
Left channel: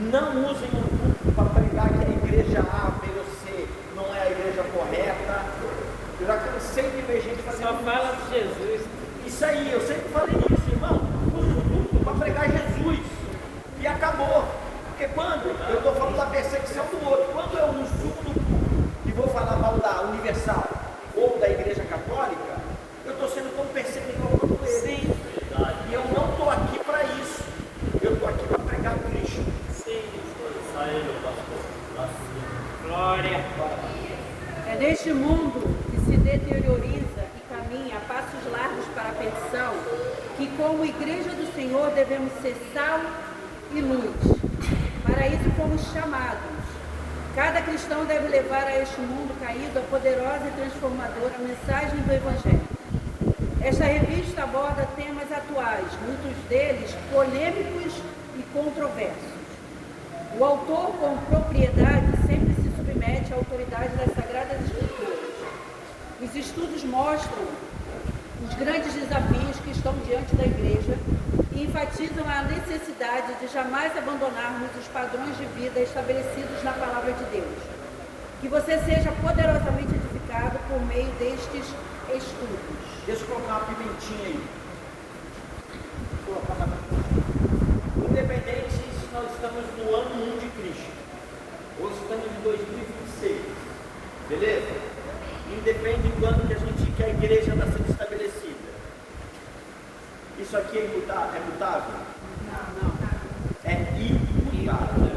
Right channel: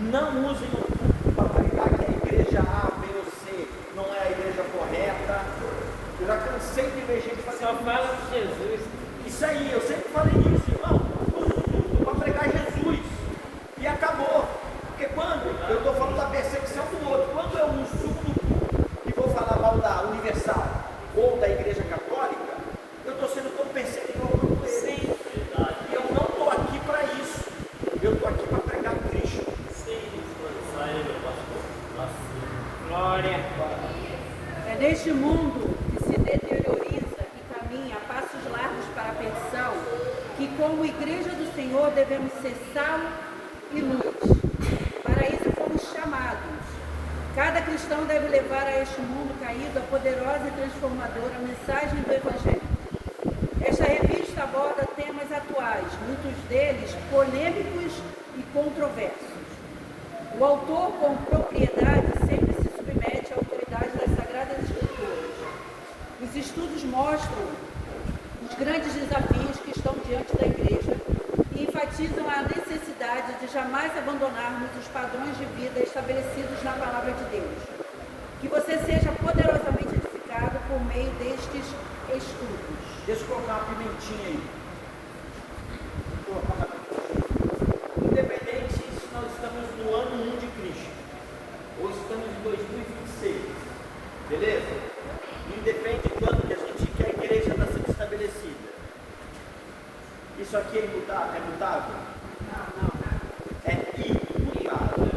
Não usem o púlpito para pregar que a igreja A, B ou C não é a igreja correta. Eu já cansei de ver gente fazendo... Só fala de Jesus. Isso aí, eu sempre falei isso, irmão. Usa o púlpito para pregar Jesus. E acabou. Porque quando eu estou falando da perseguição do outro, quando eu uso o púlpito e vou falar mal da Universal ou da Igreja Católica, eu estou sendo tão perseguidor quanto ele. Sim. E eu não estou aqui para isso. Eu estou aqui para pregar Cristo. Sim. Glória. É neste mundo que se deterioriza e caminha a passos largos para a perdição, que como igreja do Senhor devemos ser sal e luz. Para isso fomos chamados. Cada cristão deve levar a este mundo caído a poderosa e transformadora mensagem do Evangelho. Esta revista aborda temas atuais, muitos deles polêmicos e controversos. O autor, com propriedade, sempre se submete à autoridade das Sagradas Escrituras. Os estudos mostram os grandes desafios que estão diante da Igreja e enfatizam a necessidade de jamais abandonarmos os padrões de vida estabelecidos na Palavra de Deus. Que você seja poderosamente edificado por meio destes estudos. Deixa eu colocar uma pimentinha aí. Independente se nós estamos no ano 1 de Cristo ou estamos em 2026, beleza? Independe de quando que a gente quer a igreja está sendo estabelecida. Isso aqui é imutável? É mutável? Não. É imutável.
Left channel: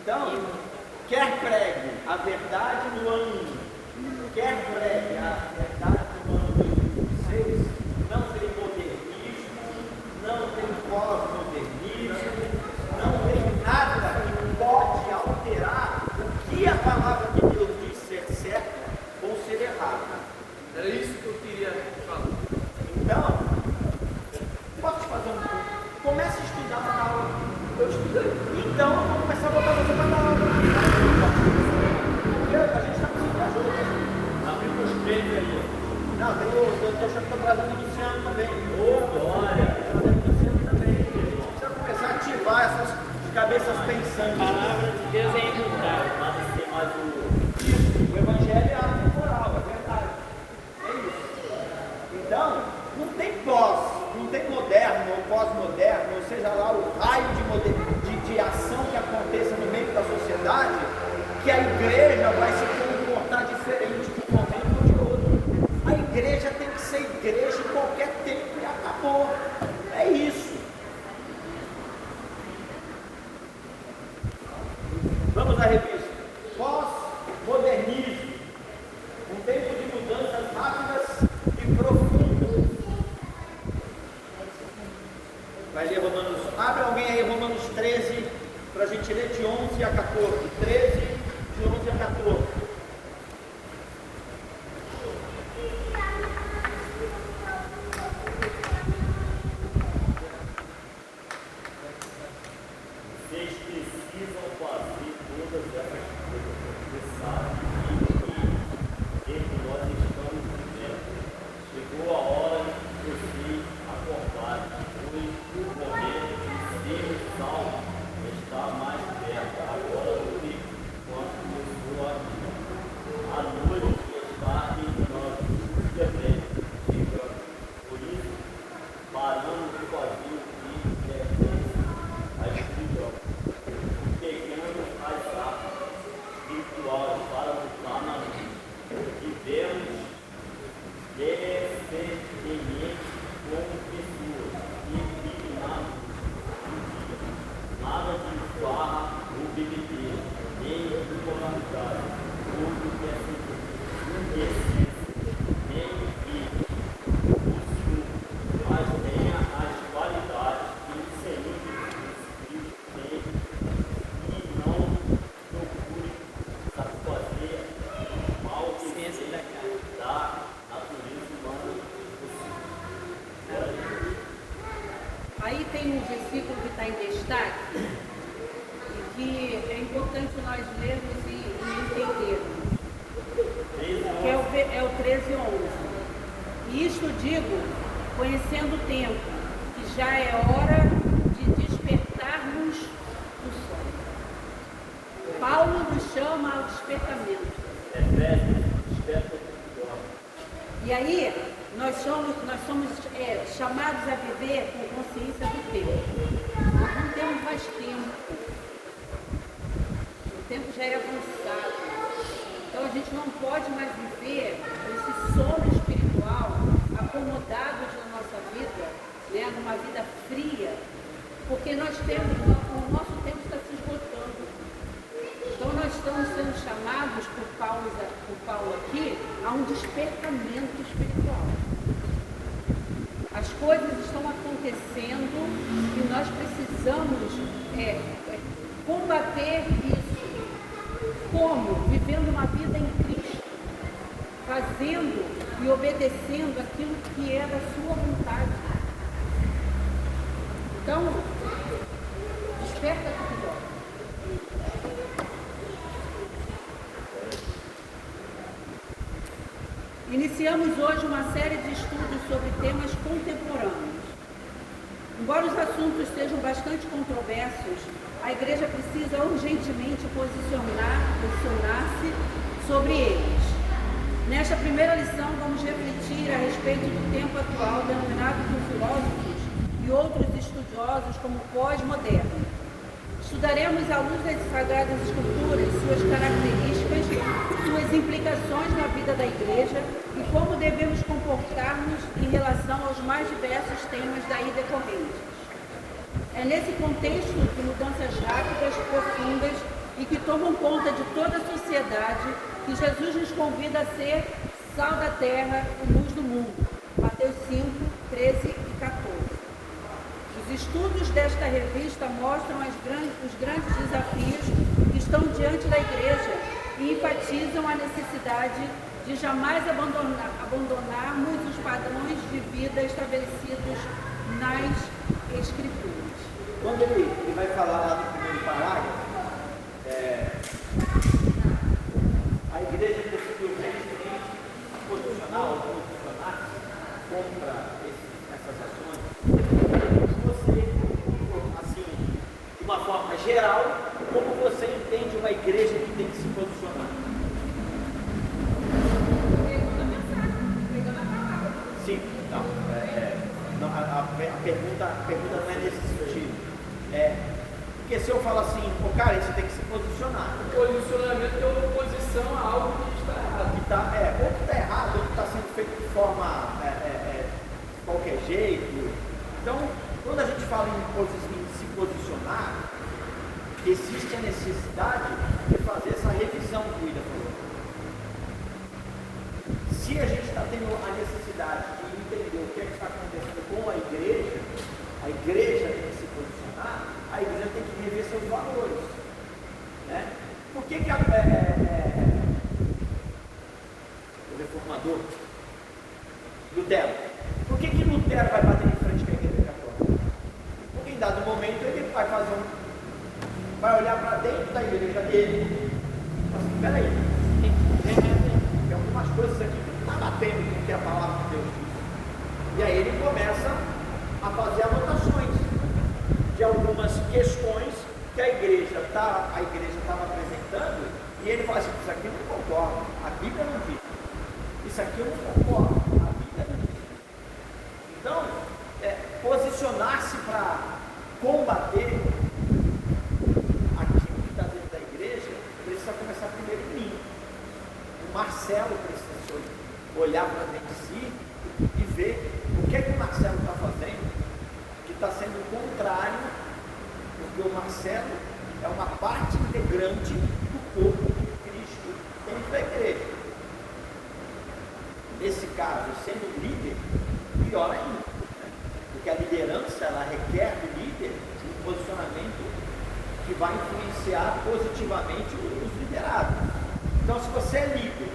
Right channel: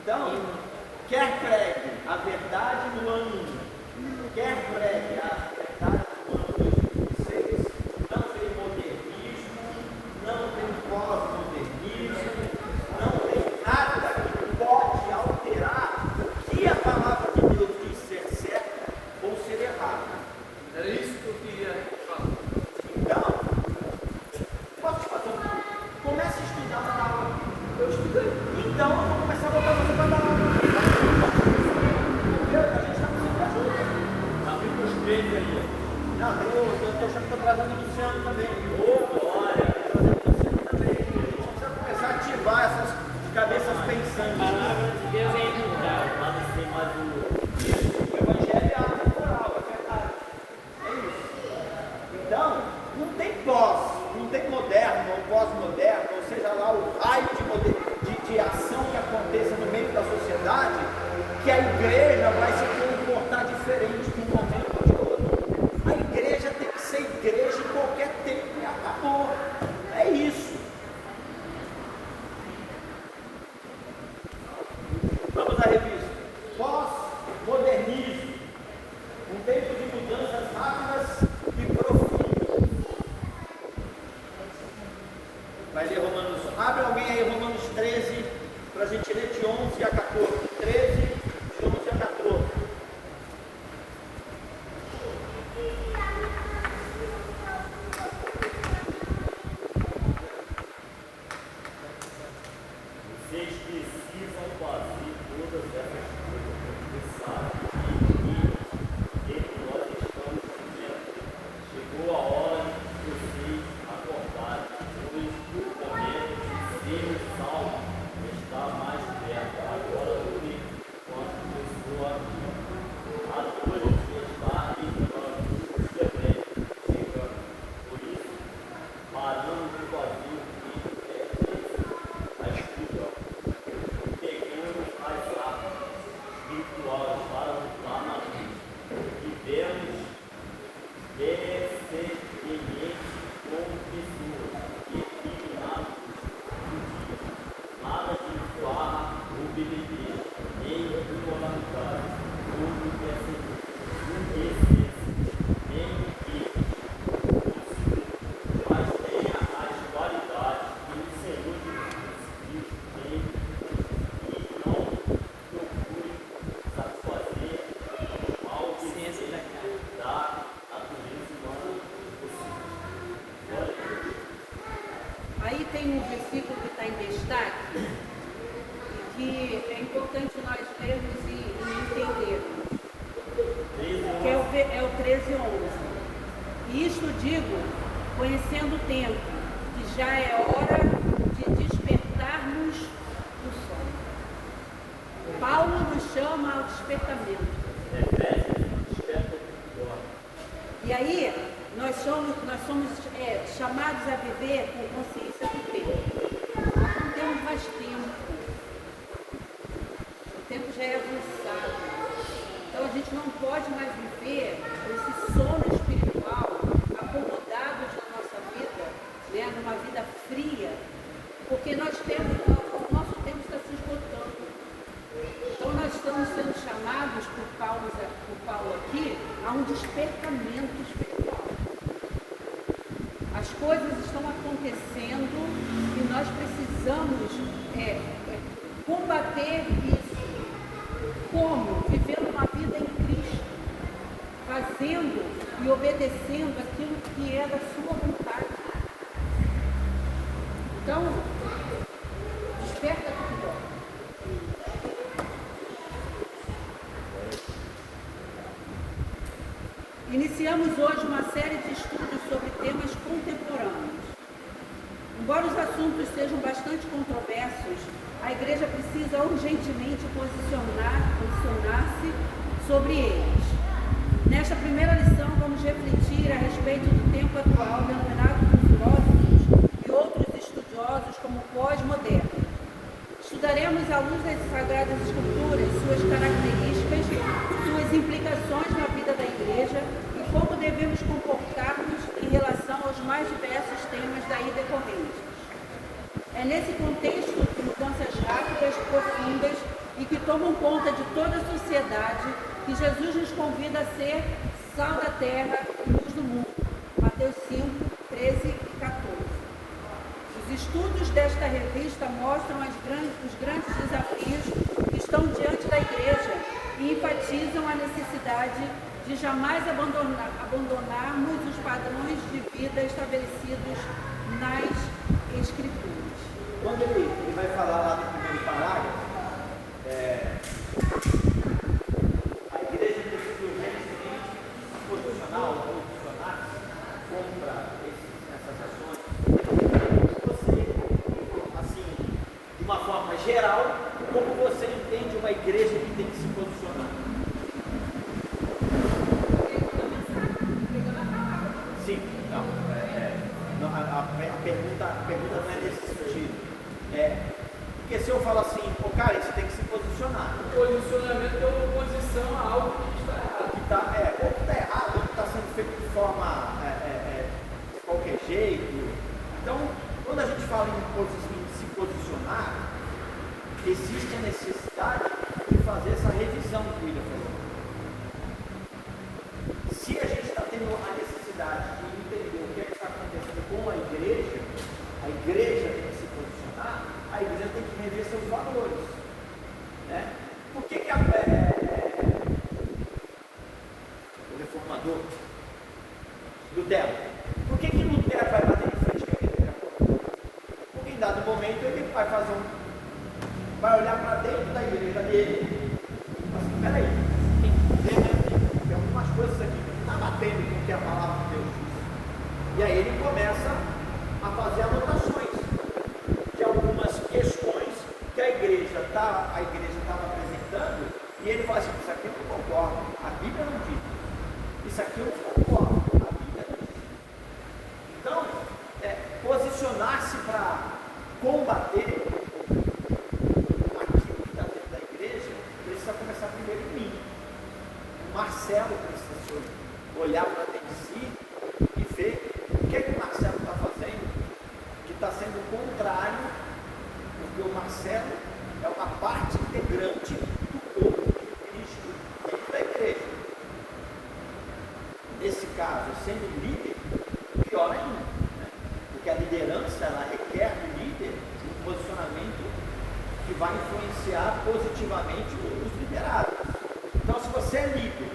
Então, quer pregue a verdade no ano 1, quer pregue a verdade no ano 2026, não tem modernismo, não tem pós-modernismo, não tem nada que pode alterar o que a palavra de Deus diz ser certo ou ser errado. Era isso que eu queria falar. Então, posso te fazer um pouco? Comece a estudar para dar aula. Eu estudei. Então, eu vou começar a botar você para dar aula. Entendeu? A gente está precisando de ajuda. Não, tem os treinos aí. Não, eu estou achando que estou trazendo o Luciano também. Olha, Deixa eu começar a ativar essas cabeças pensando. palavra de Deus é imutável. mas tem mais um. O Evangelho é atemporal, é verdade. É isso. Então, não tem não tem moderno ou pós-moderno, ou seja lá o raio de ação que aconteça no meio da sociedade, que a igreja vai se comportar diferente de um momento ou de outro. A igreja tem que ser igreja em qualquer tempo e acabou. É isso. Vamos à revista. Pós-modernismo. Um tempo de mudanças rápidas e profundas. Vai ler Romanos. Abre alguém aí Romanos 13, para a gente ler de 11 a 14. 13, de 11 a 14. Vocês precisam fazer todas essas coisas. Você sabe que nós estamos vivendo. Chegou a hora de vocês acordarem, pois o momento de ser salvo está mais perto agora do que quando começou a noite está em nós também chegando. Por isso, paramos de fazer o que é a escuta, pegando as armas espirituais para lutar na vida. Vivemos decentemente como pessoas e dignados de vida. Nada de voar ou bebedeira, nem immoralidade, ou indecência, nem mentira. Mas tenha as qualidades que o Senhor Jesus tem e não procure satisfazer ao Ciência da carne. da natureza humana. Aí tem um versículo que está em destaque e que é importante nós lermos e entendermos, que é o 13:11. E isto digo, conhecendo o tempo, que já é hora de despertarmos do sono. Paulo nos chama ao despertamento. E aí, nós somos chamados a viver com consciência do tempo. Nós não temos mais tempo. O tempo já é avançado. Então a gente não pode mais viver esse sono espiritual acomodados na nossa vida, né, numa vida fria, porque nós temos, o nosso tempo está se esgotando. Então nós estamos sendo chamados por Paulo aqui a um despertamento espiritual. As coisas estão acontecendo e nós precisamos combater isso. Como? Vivendo uma vida em Cristo. fazendo e obedecendo aquilo que é da sua vontade. Então, desperta tudo. Iniciamos hoje uma série de estudos sobre temas contemporâneos. Embora os assuntos sejam bastante controversos, a Igreja precisa urgentemente posicionar-se sobre eles. Nesta primeira lição, vamos refletir a respeito do tempo atual, denominado por filósofos e outros estudiosos como pós-moderno. Estudaremos à luz das Sagradas Escrituras suas características, suas implicações na vida da Igreja e como devemos comportar-nos em relação aos mais diversos temas daí decorrentes. É nesse contexto de mudanças rápidas, profundas e que tomam conta de toda a sociedade que Jesus nos convida a ser sal da terra e luz do mundo. Mateus 5, 13 e 14. Os estudos desta revista mostram os grandes desafios que estão diante da Igreja e enfatizam a necessidade de jamais abandonarmos os padrões de vida estabelecidos nas Escrituras. Quando ele vai falar lá no primeiro parágrafo, a igreja precisa urgentemente posicionar contra essas ações. Você, assim, de uma forma geral, como você entende uma igreja que tem que se posicionar? Sim, não. A pergunta não é nesse sentido. Porque se eu falo assim, cara, você tem que se posicionar. O posicionamento é uma oposição a algo que está errado. Ou que está errado, ou que está sendo feito de forma de qualquer jeito. Então, quando a gente fala em se posicionar, existe a necessidade de fazer essa revisão que o Ida falou. Se a gente está tendo a necessidade de entender o que está acontecendo com a igreja tem que se posicionar, a igreja tem que rever seus valores. Né? Por que o reformador Lutero, por que Lutero vai bater de frente com a igreja agora? Porque em dado momento ele vai olhar para dentro da igreja dele. Mas peraí, tem algumas coisas aqui que não está batendo com o que a palavra de Deus diz. E aí ele começa a fazer anotações de algumas questões que a igreja estava apresentando, e ele fala assim, isso aqui eu não concordo, a Bíblia não diz. Isso aqui eu não concordo, a Bíblia não diz. Então, posicionar-se para combater aquilo que está dentro da igreja, precisa começar primeiro em mim. O Marcelo precisa olhar para dentro de si e ver o que o Marcelo está fazendo, que está sendo contrário, porque o Marcelo é uma parte integrante do corpo de Cristo dentro da igreja. Nesse caso, sendo líder, pior ainda, né? Porque a liderança ela requer do líder um posicionamento que vai influenciar positivamente os liderados. Então, se você é líder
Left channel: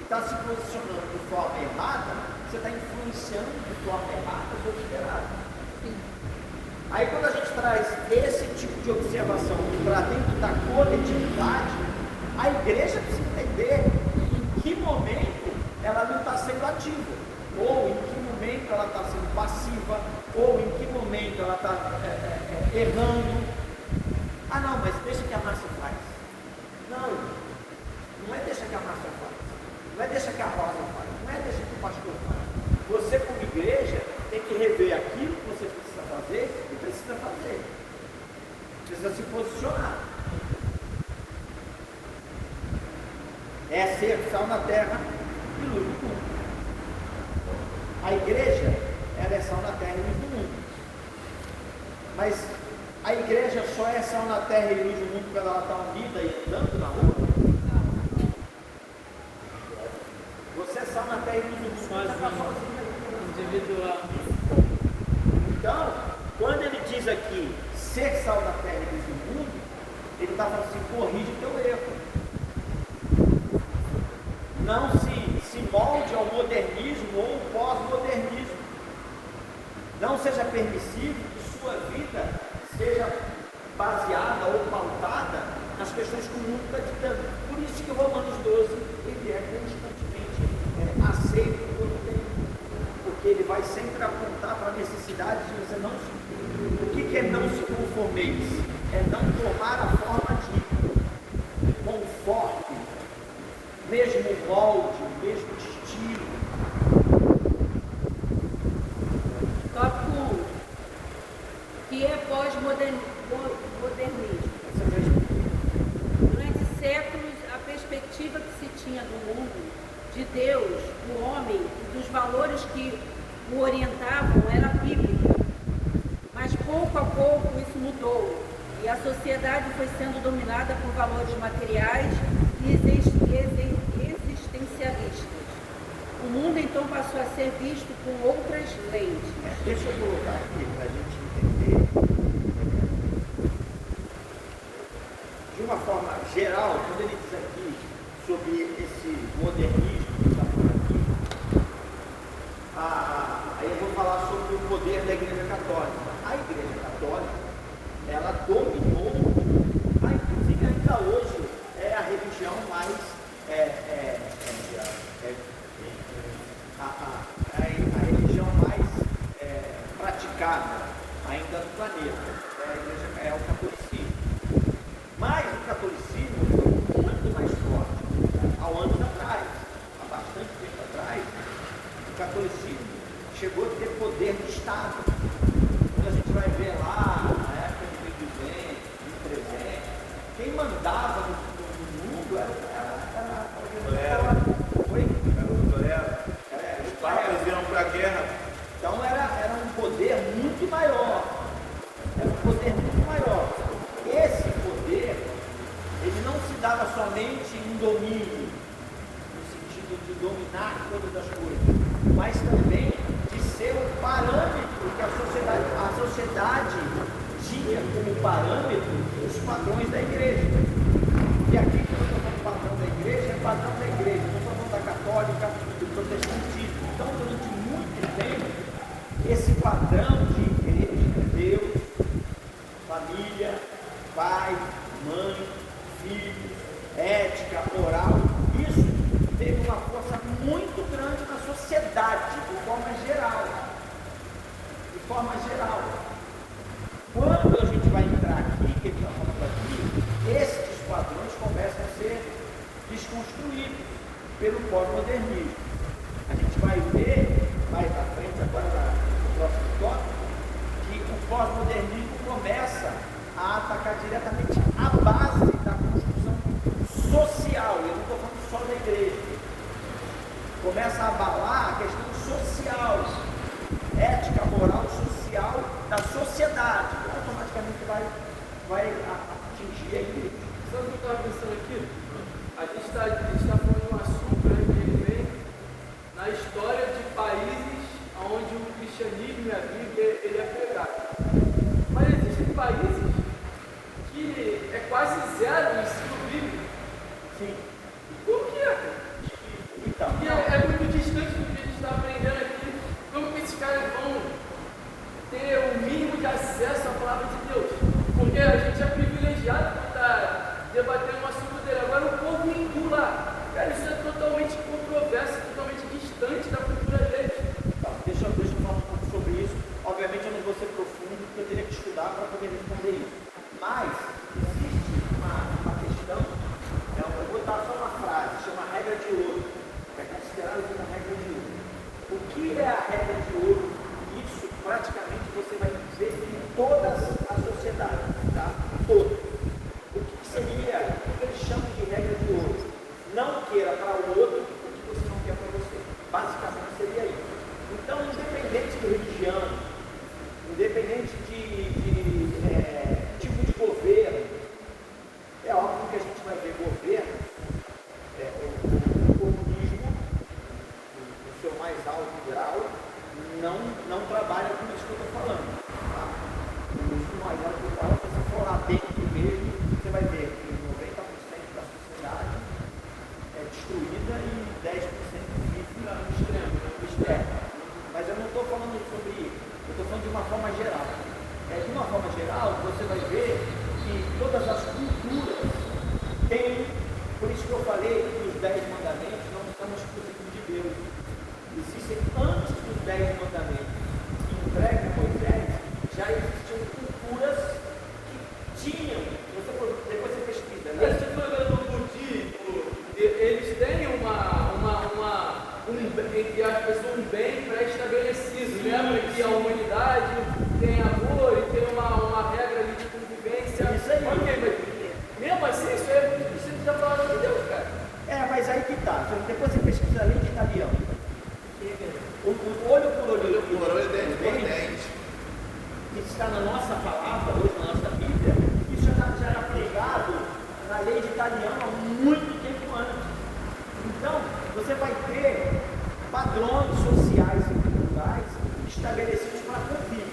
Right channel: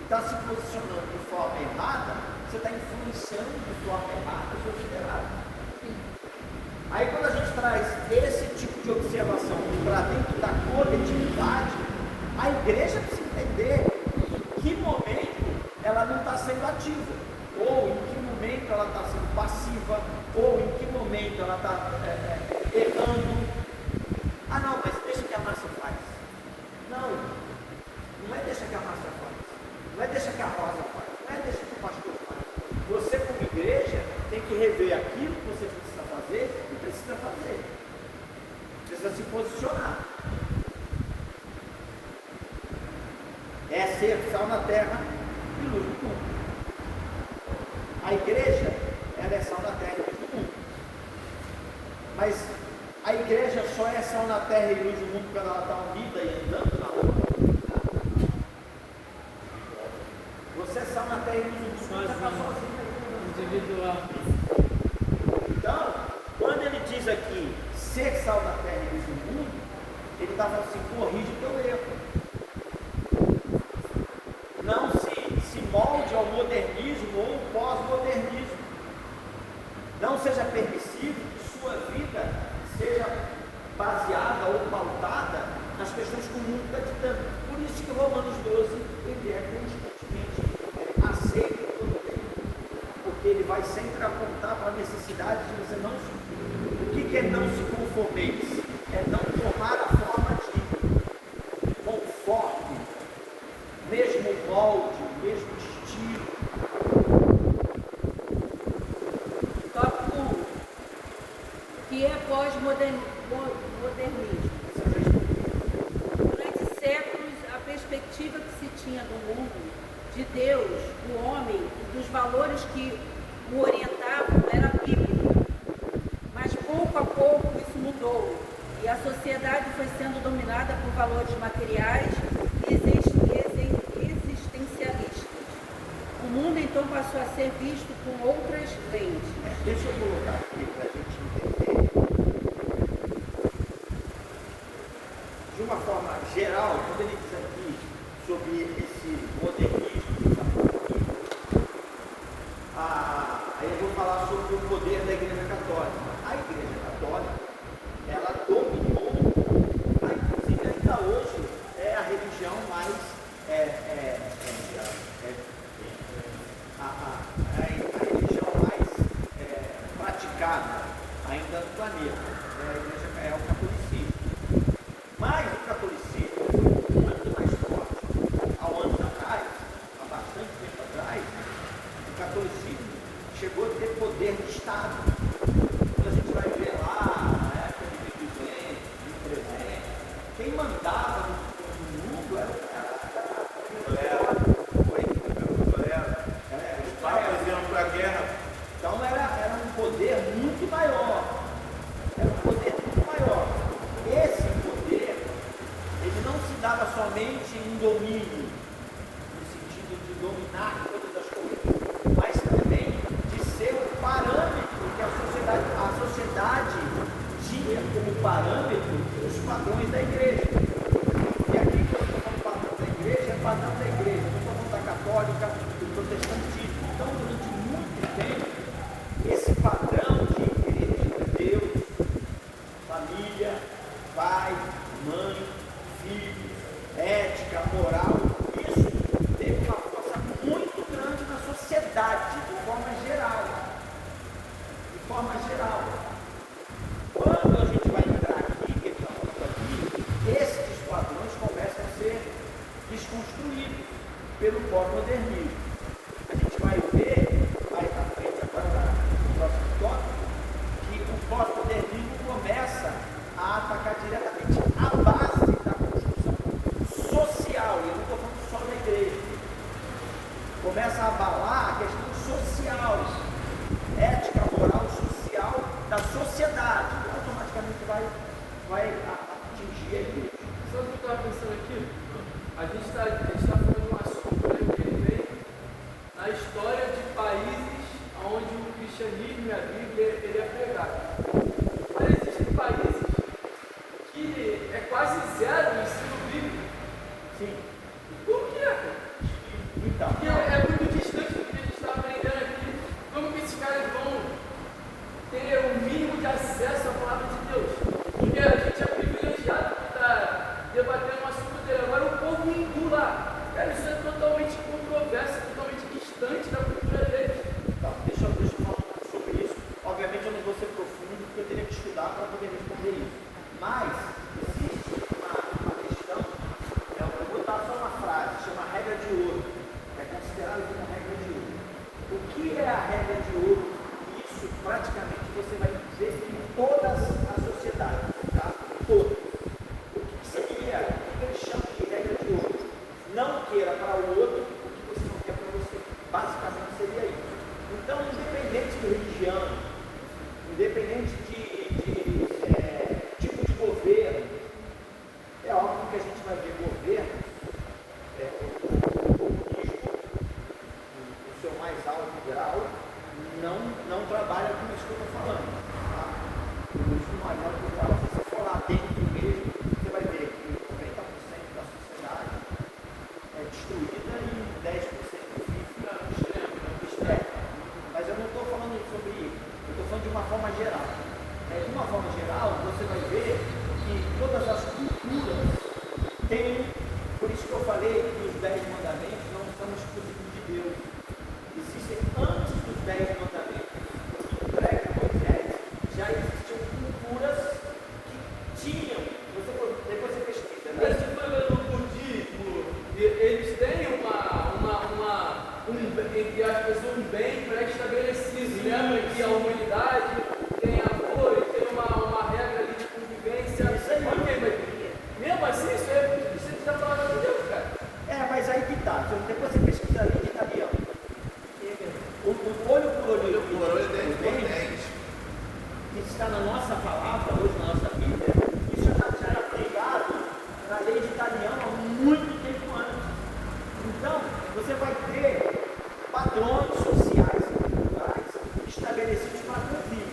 e está se posicionando de forma errada, você está influenciando de forma errada os seus liderados. Aí, quando a gente traz esse tipo de observação para dentro da coletividade, a igreja precisa entender em que momento ela não está sendo ativa, ou em que momento ela está sendo passiva, ou em que momento ela está errando. Ah, não, mas deixa que a massa faz. Não é deixa que a massa faz, não é deixa que a rosa faz, não é deixa que o pastor faz. Você, como igreja, tem que rever aquilo que você precisa fazer e precisa fazer. Precisa se posicionar. É ser sal na terra e luz do mundo. A igreja, ela é sal na terra e luz do mundo. Mas a igreja só é sal na terra e luz do mundo quando ela está unida e andando na rua? Você é sal na terra e luz do mundo, você está sozinho. Então, quando ele diz aqui ser sal da terra e luz do mundo, ele está falando assim, corrige o teu erro. Não se seja permissivo que sua vida seja baseada ou pautada nas pessoas que o mundo está ditando. Por isso que Romanos 12 ele é constantemente aceito pelo tempo, porque ele vai sempre apontar para a necessidade de você não. O que é não se conformeis? É não tomar a forma de conforme, mesmo molde, mesmo estilo. Tópico 1. O que é pós-modernismo? Durante séculos, a perspectiva que se tinha do mundo, de Deus, do homem e dos valores que o orientavam era bíblica. Mas pouco a pouco isso mudou e a sociedade foi sendo dominada por valores materiais e existencialistas. O mundo então passou a ser visto com outras lentes. Deixa eu colocar aqui para a gente entender. De uma forma geral, quando ele diz aqui sobre esse modernismo que está falando aqui, aí eu vou falar sobre o poder da Igreja Católica. A Igreja Católica, ela dominou, inclusive ainda hoje, é a religião mais a religião mais praticada ainda no planeta. É o catolicismo. Mas o catolicismo foi muito mais forte. Há anos atrás, há bastante tempo atrás, o catolicismo chegou a ter poder do Estado. Quando a gente vai ver lá, na época de 1200, 1300, quem mandava no mundo era o Papas iam para a guerra. Então era um poder muito maior. Era um poder muito maior. Esse poder, ele não se dava somente em domínio, no sentido de dominar todas as coisas, mas também de ser o parâmetro que a sociedade tinha como parâmetro os padrões da igreja. E aqui, quando eu estou falando padrão da igreja, é padrão da igreja. Eu estou falando da católica, do protestantismo. Então, durante muito tempo, esse padrão de igreja, Deus, família, pai, mãe, filhos, ética, moral, isso teve uma força muito grande na sociedade, de forma geral. De forma geral. Quando a gente vai entrar aqui, que ele está falando aqui, esses padrões começam a ser desconstruídos pelo pós-modernismo. A gente vai ver, mais à frente, agora no próximo tópico, que o pós-modernismo começa a atacar diretamente a base da construção social. Eu não estou falando só da igreja. Começa a abalar a questão social, ética, moral, social da sociedade. Automaticamente vai atingir a igreja. Sabe o que eu estava pensando aqui? A gente está falando um assunto também na história de países onde o cristianismo e a Bíblia ele é pregado. Mas existem países que é quase zero o ensino bíblico. Sim. Por quê? Então, E é muito distante do que a gente está aprendendo aqui. Como que esses caras vão ter o mínimo de acesso à palavra de Deus? Porque a gente é privilegiado por estar debatendo um assunto dele. Agora o povo hindu lá, cara, isso é totalmente controverso, totalmente distante da cultura deles. então deixa eu falar um pouco sobre isso. Obviamente eu não vou ser profundo, porque eu teria que estudar para poder responder isso. Mas existe uma questão, então, eu vou botar só uma frase, chama regra de ouro. É considerado como regra de ouro. O que é a regra de ouro? Isso praticamente você vai dizer em todas as sociedades, tá? Todas. O que seria, o que eles chamam de regra de ouro? Não queira para o outro o que você não quer para você. Basicamente seria isso. Então, independente de religião, independente de tipo de governo, é óbvio que a gente vai ver governos, o comunismo, no seu mais alto grau, não trabalha com isso que eu estou falando. Tá? O comunismo mais alto grau, se você for lá dentro mesmo, você vai ver que 90% da sociedade é destruída e 10% vive extremo. Mas eu não estou falando sobre isso. Eu estou falando de uma forma geral. De uma forma geral, você vai ver que todas as culturas têm, por isso que eu falei que os 10 mandamentos não são escritos de Deus. Existem antes dos 10 mandamentos. No prédio de Moisés já existiam culturas que tinham, depois você pesquisa, né? Esse falando do budismo, eles têm entre as pessoas um bem pré-estabelecido, né? Para que a humanidade tenha amor e tenha uma regra ali de convivência. Isso aí. Porque, mesmo assim, isso é muito difícil de falar de Deus, cara. Mas aí que tá. Depois você pesquisa ali que tá ali, ó. O olho por olho, Por olho, dente por dente. que está na nossa palavra, hoje na nossa Bíblia, isso já era pregado na lei de Italiano há muito tempo antes. Então, você vai ter padrões sociais e culturais estabelecidos para convívio.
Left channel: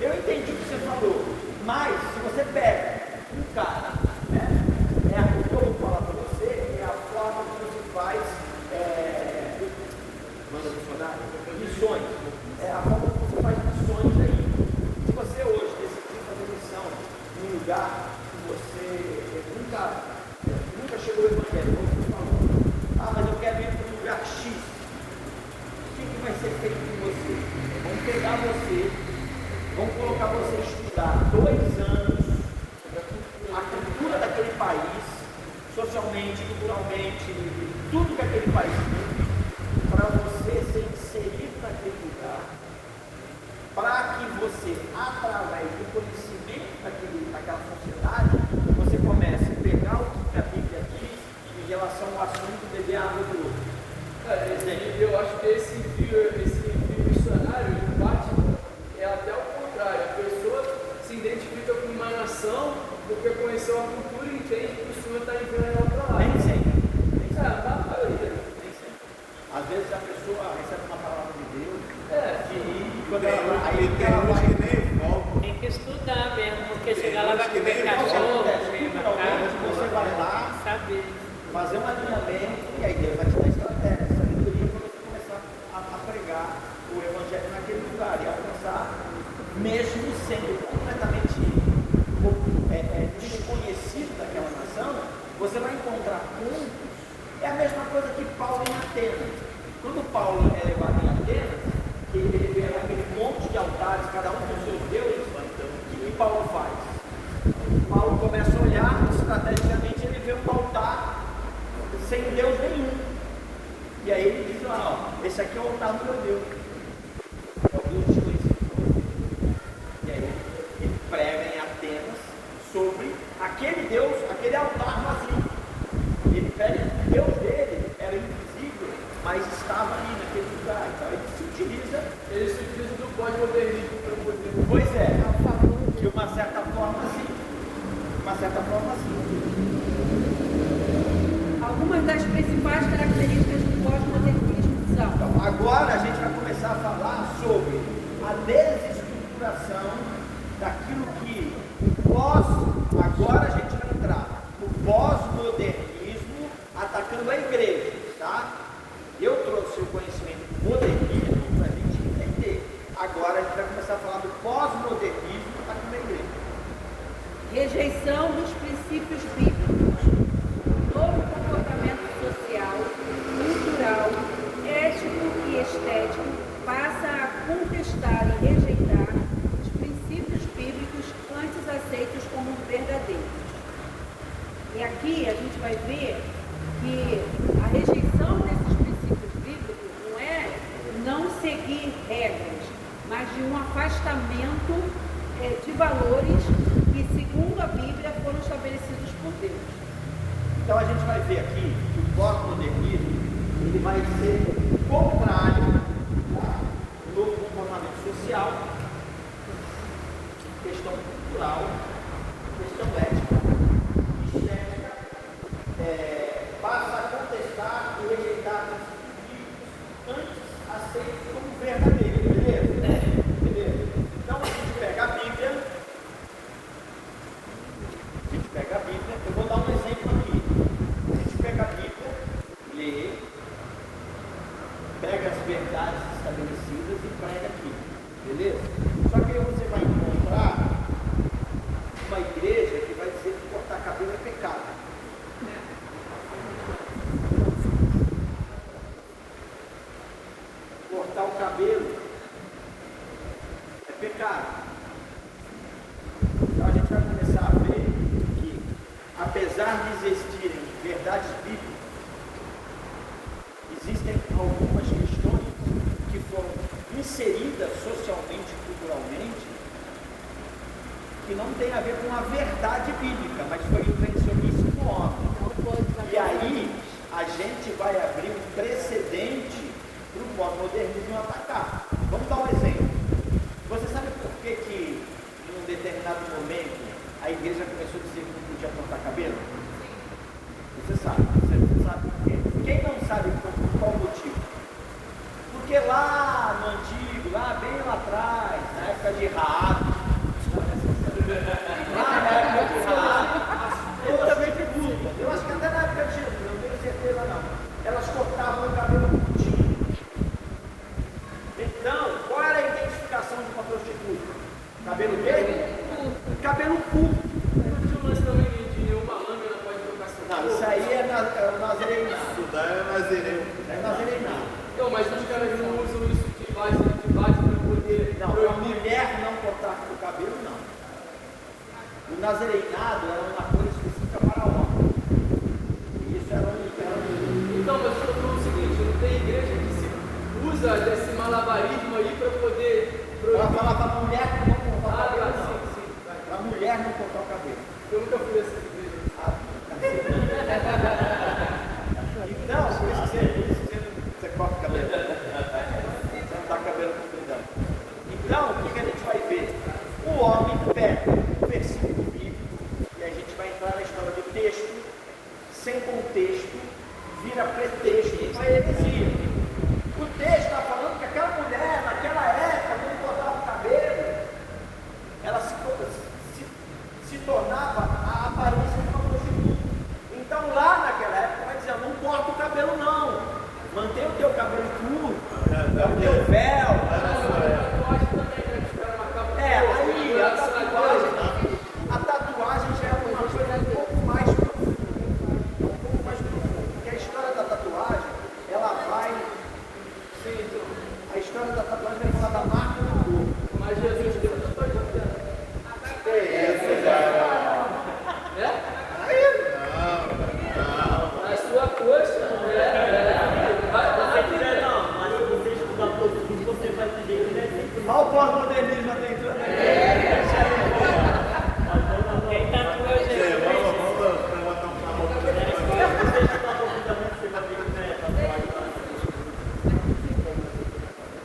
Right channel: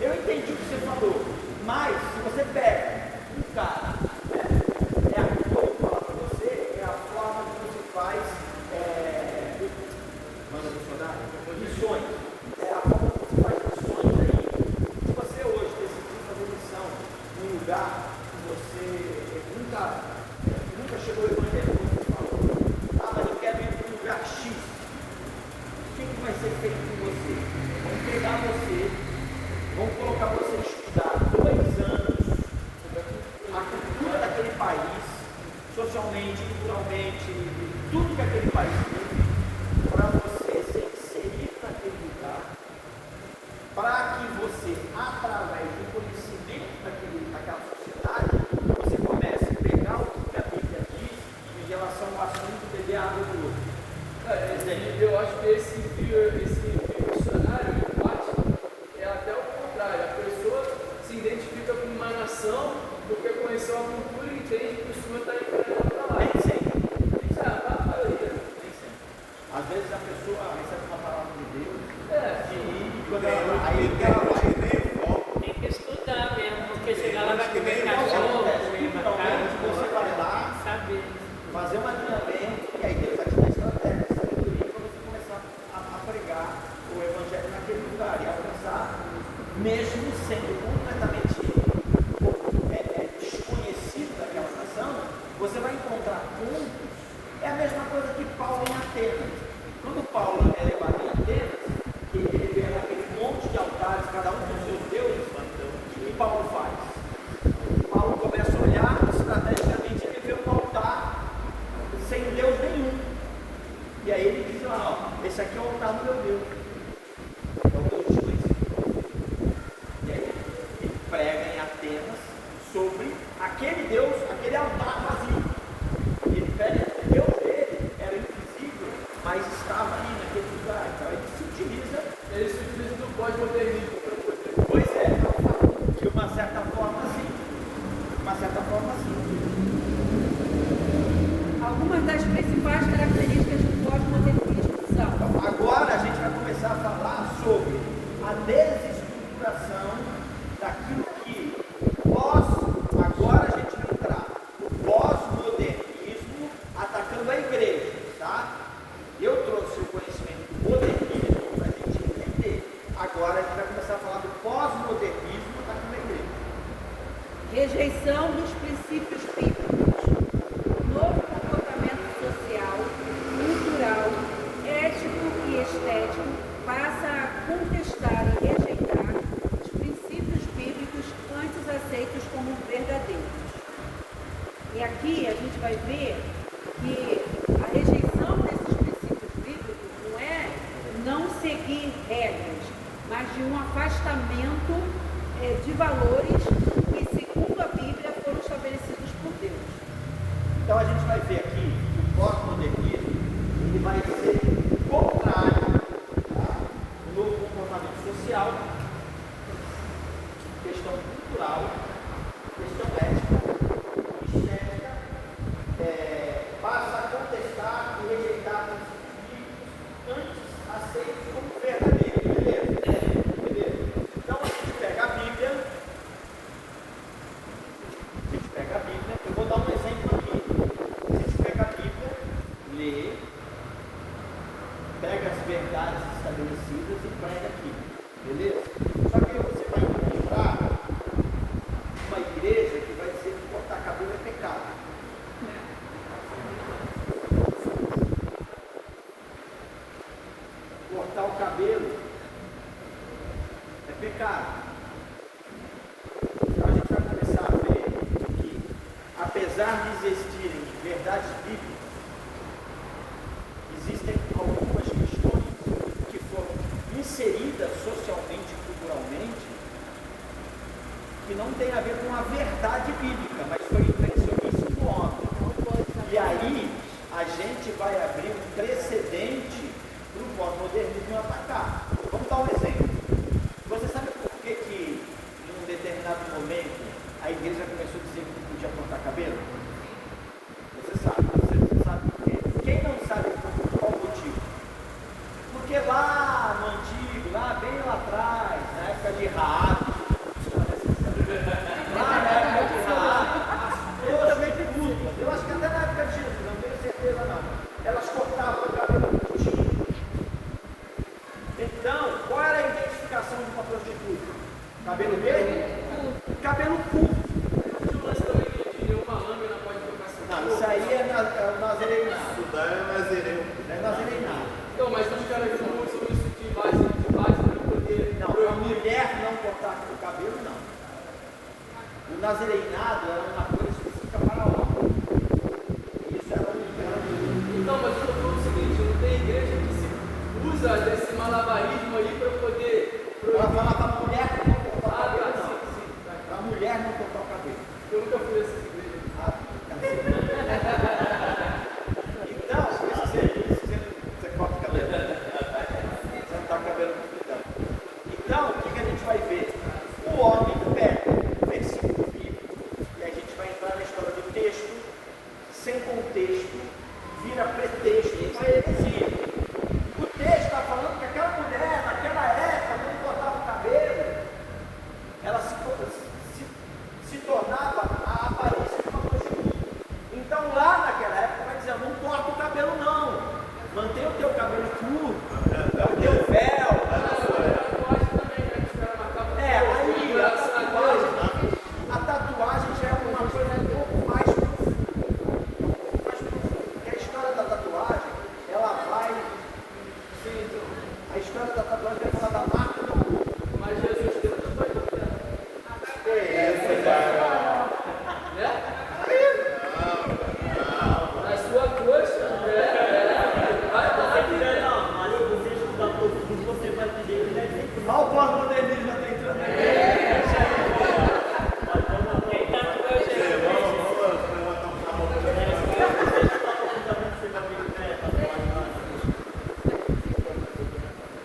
Eu entendi o que você falou, mas se você pega um cara, né, o que eu vou falar para você é a forma como você faz missões. É a forma como você faz missões aí. Se você hoje decidir fazer missão num lugar que você nunca chegou ao evangelho, como você falou, mas eu quero ir para um lugar X. O que vai ser feito com você? Vão pegar você, vão colocar você a estudar 2 anos a cultura daquele país, socialmente, culturalmente, tudo que aquele país tem, para você ser inserido naquele lugar, para que você, através do conhecimento daquela sociedade, você comece a pegar o que a Bíblia diz em relação ao assunto de beber água do outro. Eu acho que esse missionário, em parte, é até o contrário. A pessoa se identifica com uma nação porque conheceu a cultura e entende que o Senhor está entrando na palavra. Nem sempre. Nem sempre. Às vezes a pessoa recebe uma palavra de Deus É. quando ela vai. que nem volta. Tem que estudar mesmo, porque chegar lá vai que nem comer não, cachorro, Culturalmente, você vai lá, saber. fazer um alinhamento e a igreja vai te dar estratégia, sabedoria para você começar a pregar o evangelho naquele lugar e alcançar, mesmo sendo completamente desconhecido daquela nação, você vai encontrar pontos. É a mesma coisa que Paulo em Atenas. Quando Paulo é levado em Atenas, ele vê aquele monte de altares, cada um com seus deuses, o que Paulo faz? Paulo começa a olhar, estrategicamente ele vê um altar sem Deus nenhum. E aí ele diz lá, ó, esse aqui é o altar do meu Deus. É o Deus desconhecido. E aí ele prega em Atenas sobre aquele Deus, aquele altar vazio. Ele prega que o Deus dele era invisível, mas estava ali naquele lugar. Então ele se utiliza do pós-modernismo. Pois é, de uma certa forma sim. Algumas das principais características do pós-modernismo são: Então, agora a gente vai começar a falar sobre a desestruturação daquilo que agora a gente vai entrar no pós-modernismo atacando a igreja, tá? Eu trouxe o conhecimento do modernismo para a gente entender. Agora a gente vai começar a falar do pós-modernismo atacando a igreja. rejeição dos princípios bíblicos, novo comportamento social, cultural, ético e estético passa a contestar e rejeitar os princípios bíblicos antes aceitos como verdadeiros. E aqui a gente vai ver que a rejeição desses princípios bíblicos não é não seguir regras, mas de um afastamento de valores que, segundo a Bíblia, foram estabelecidos por Deus. Então a gente vai ver aqui que o pós-modernismo ele vai ser contrário ao novo comportamento social, questão cultural, questão ética, estética, passa a contestar e rejeitar os princípios antes aceitos como verdadeiros, beleza? Então a gente pega a Bíblia, eu vou dar um exemplo aqui. A gente pega a Bíblia, lê, pega as verdades estabelecidas e prega aqui, beleza? Só que vai começar a ver que, apesar de existirem verdades bíblicas, existem algumas questões que foram inseridas socialmente e culturalmente que não tem a ver com a verdade bíblica, mas foi o invencionismo do homem. E aí a gente vai abrir um precedente para o pós-modernismo atacar. Vamos dar um exemplo. Você sabe por que em um determinado momento a igreja começou a dizer que não podia cortar cabelo? Você sabe por quê? Quem não sabe por qual motivo? Porque lá no antigo, lá bem lá atrás, na época de Raab, lá na época de Raab, eu também pergunto, eu acho que até na época de Jesus, não tenho certeza não, elas cortavam o cabelo curtinho. Então, qual era a identificação de uma prostituta? Cabelo verde? Cabelo curto. Não, isso aí é nazareinato. Estudar é nazireu. É nazareinato. Não, mas os caras não usam isso de base para poder. Não, a mulher não cortar o cabelo, não. O nazareinado era uma coisa específica para homem. Isso era um. Então, mas eu estou falando o seguinte: não tem igreja que se usa desse malabarismo ali para poder. Para falar para a mulher não cortar o cabelo, não. Sim. Para a mulher não cortar o cabelo. Eu nunca fui essa igreja. Então, por isso você corta o cabelo. Você não está com o cabelo completão. Então, o que a gente vai ver? O homem pega o versículo bíblico e a gente vai entrar na história do texto, sem contexto, vira pretexto para heresia. O texto está falando que aquela mulher, naquela época, quando cortava o cabelo, ela se tornava a aparência de uma prostituta. Então, lá naquela época, vai dizer: não corta o cabelo, não. Mantém o teu cabelo curto, o teu véu. Aí a tatuagem já é uma coisa um pouco mais profunda. Porque a história da tatuagem, ela vai. A história da tatuagem vai falar da marca do corpo. Mas Jesus deu na sua coxa. Olha o pós-modernismo tentando.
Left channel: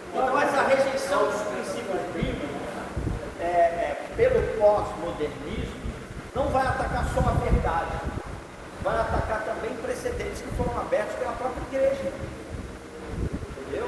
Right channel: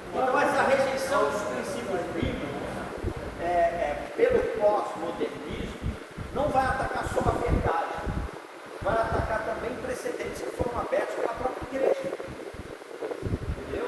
Então, essa rejeição dos princípios bíblicos pelo pós-modernismo não vai atacar só a verdade, vai atacar também precedentes que foram abertos pela própria igreja. Entendeu?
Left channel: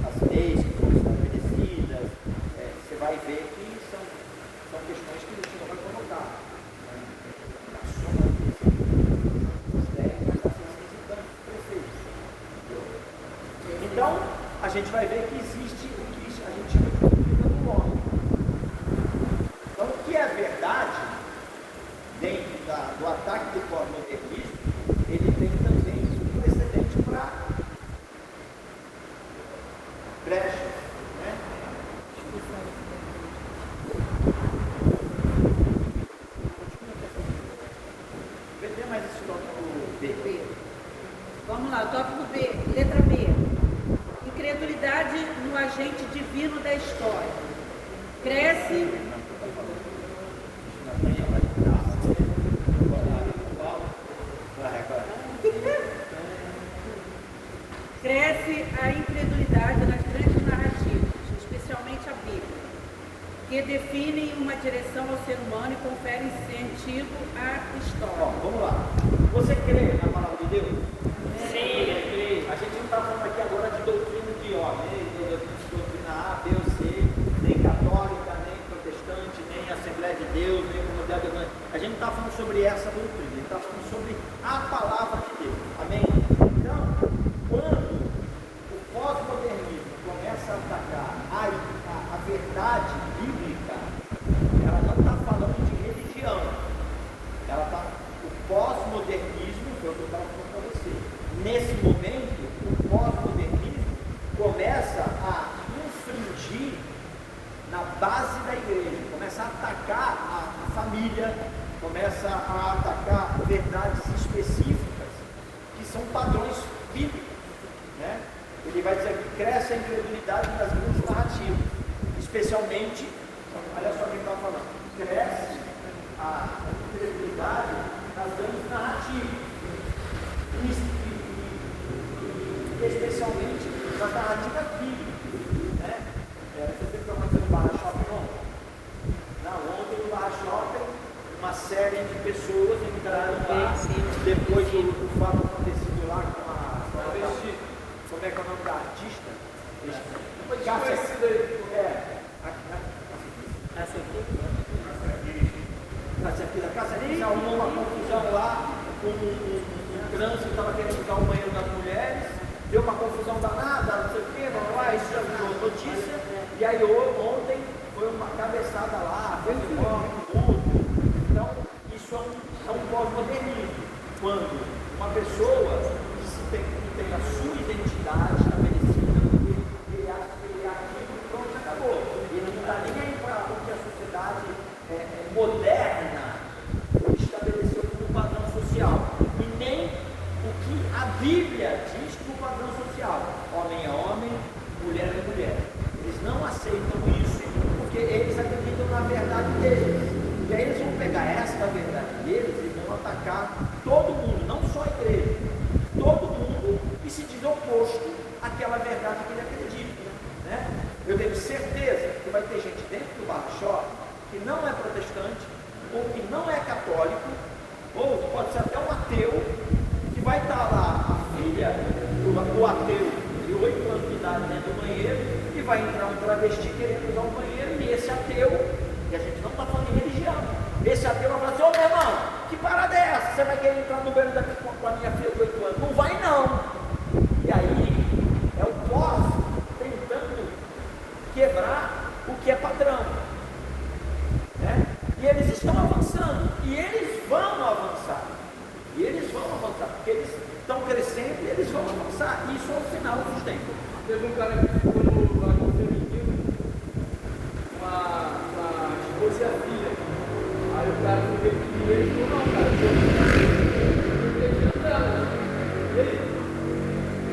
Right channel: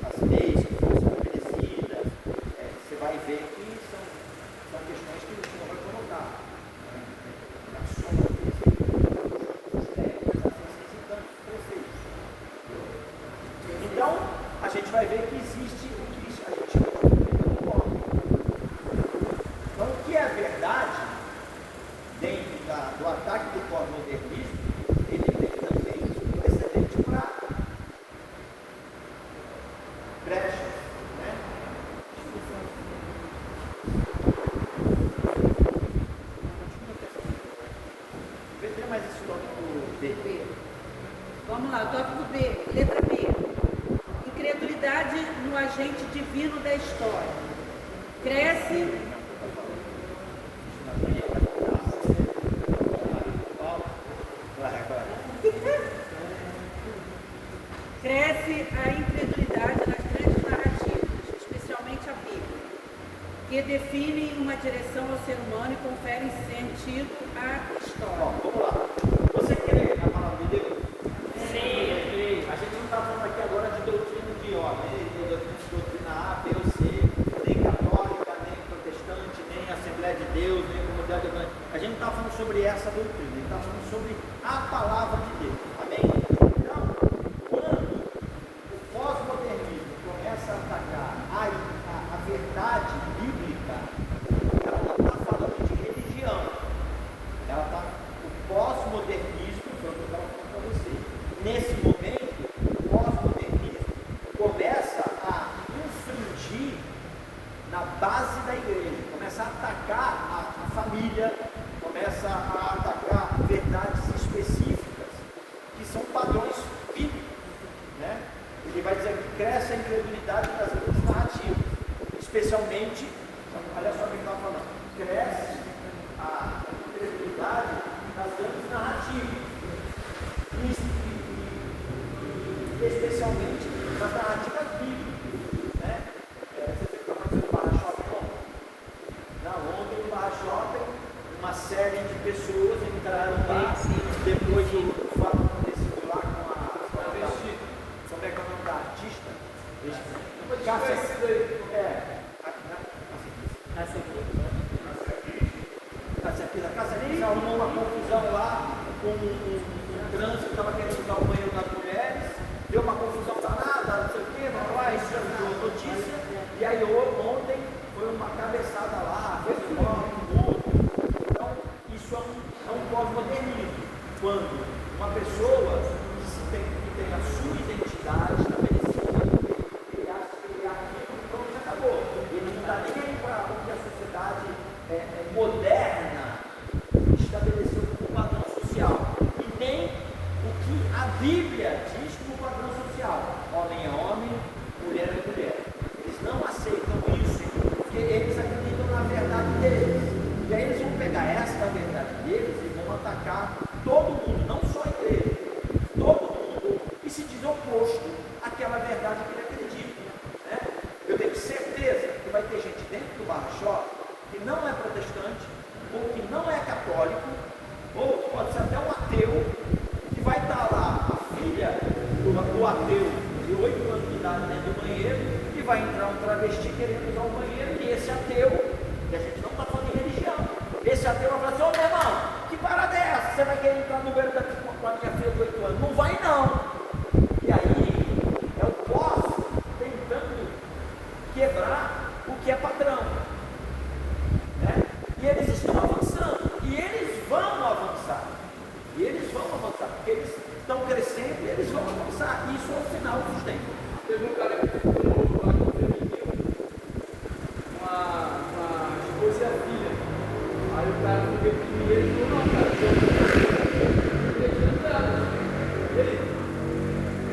As leis que foram estabelecidas, você vai ver que são questões que o senhor vai colocar. Então, a gente vai ver que existe o que a gente chama de homem. Então, o que é verdade, dentro do ataque do pós-modernismo, ele tem também precedente para brechas, né? Vê mais esse tópico B. Vamos lá, tópico B, letra B. Incredulidade no agente divino da história. Cresce. Cresce a incredulidade nas grandes narrativas, especialmente a Bíblia, que definem uma direção ao ser humano e conferem sentido à história. Bom, vamos lá. Você crê na palavra de Deus? Sim. A gente não está falando aqui agora de doutrina de homem, de doutrina A, B ou C, nem ele não está falando sobre essa doutrina, ele está falando sobre a palavra de Deus. Amém? Então, quando o pós-modernismo começa a atacar a verdade bíblica, ela não está falando de religião. O pós-modernismo, foi o que eu estava falando para você. Nesse momento, o pós-modernismo começa a infringir na base da igreja, começa a atacar a família, começa a atacar verdades específicas, que são padrões bíblicos, né? Ele vai dizer que cresce a incredulidade das grandes narrativas, especialmente, olha só o que ele está falando, cresce a incredulidade das grandes narrativas, especialmente nas narrativas bíblicas, né? Ontem no Barra-Shopping, uma série de pessoas entraram lá, depois do fato acontecido lá com a como é que é o nome da artista? Cássia Pires arrumou uma confusão lá com o trânsito, estava querendo usar o banheiro das mulheres, deu uma confusão danada, não sei o que, vamos lá, isso já virou notícia, e aí ontem foi uma cabeçada lá, fez tudo. Então, isso é um pós-modernismo, quando uma pessoa que tem a sua identidade estabelecida, ele acha que ele é aquilo, então já acabou. Ele não está nem para o que a sociedade moderna estabeleceu como padrão social, e nem o que a Bíblia diz como padrão social. Homem é homem, mulher é mulher. Eles não aceitam isso, porque eles acreditam na verdade deles. E aí eles vão pegar essa verdade deles e vão atacar todo mundo, não só a igreja, todo mundo que se diz oposto àquela verdade que ele acredita, né? Eu tenho certeza que vai ter gente dentro do Barra-Shopping que não é protestante, ou que não é católico, ou pode ser até um ateu, que vai estar lá a filha do ateu de 8 anos de idade dentro do banheiro, e vai entrar um travesti querendo usar o banheiro, e esse ateu, e a gente não está falando de religião, esse ateu vai falar assim: ô meu irmão, que parada é essa? Você vai querer entrar no banheiro da minha filha de 8 anos? Não vai não. E aí é o pós tentando quebrar o que é padrão, né? E eles estão avançando, e eles vão avançar, porque eles estão crescendo e eles vão avançar. Isso é o final dos tempos. Teve um cara que ficou no lado feminino, uma esposa e a filha. Aí o cara não teve dinheiro e não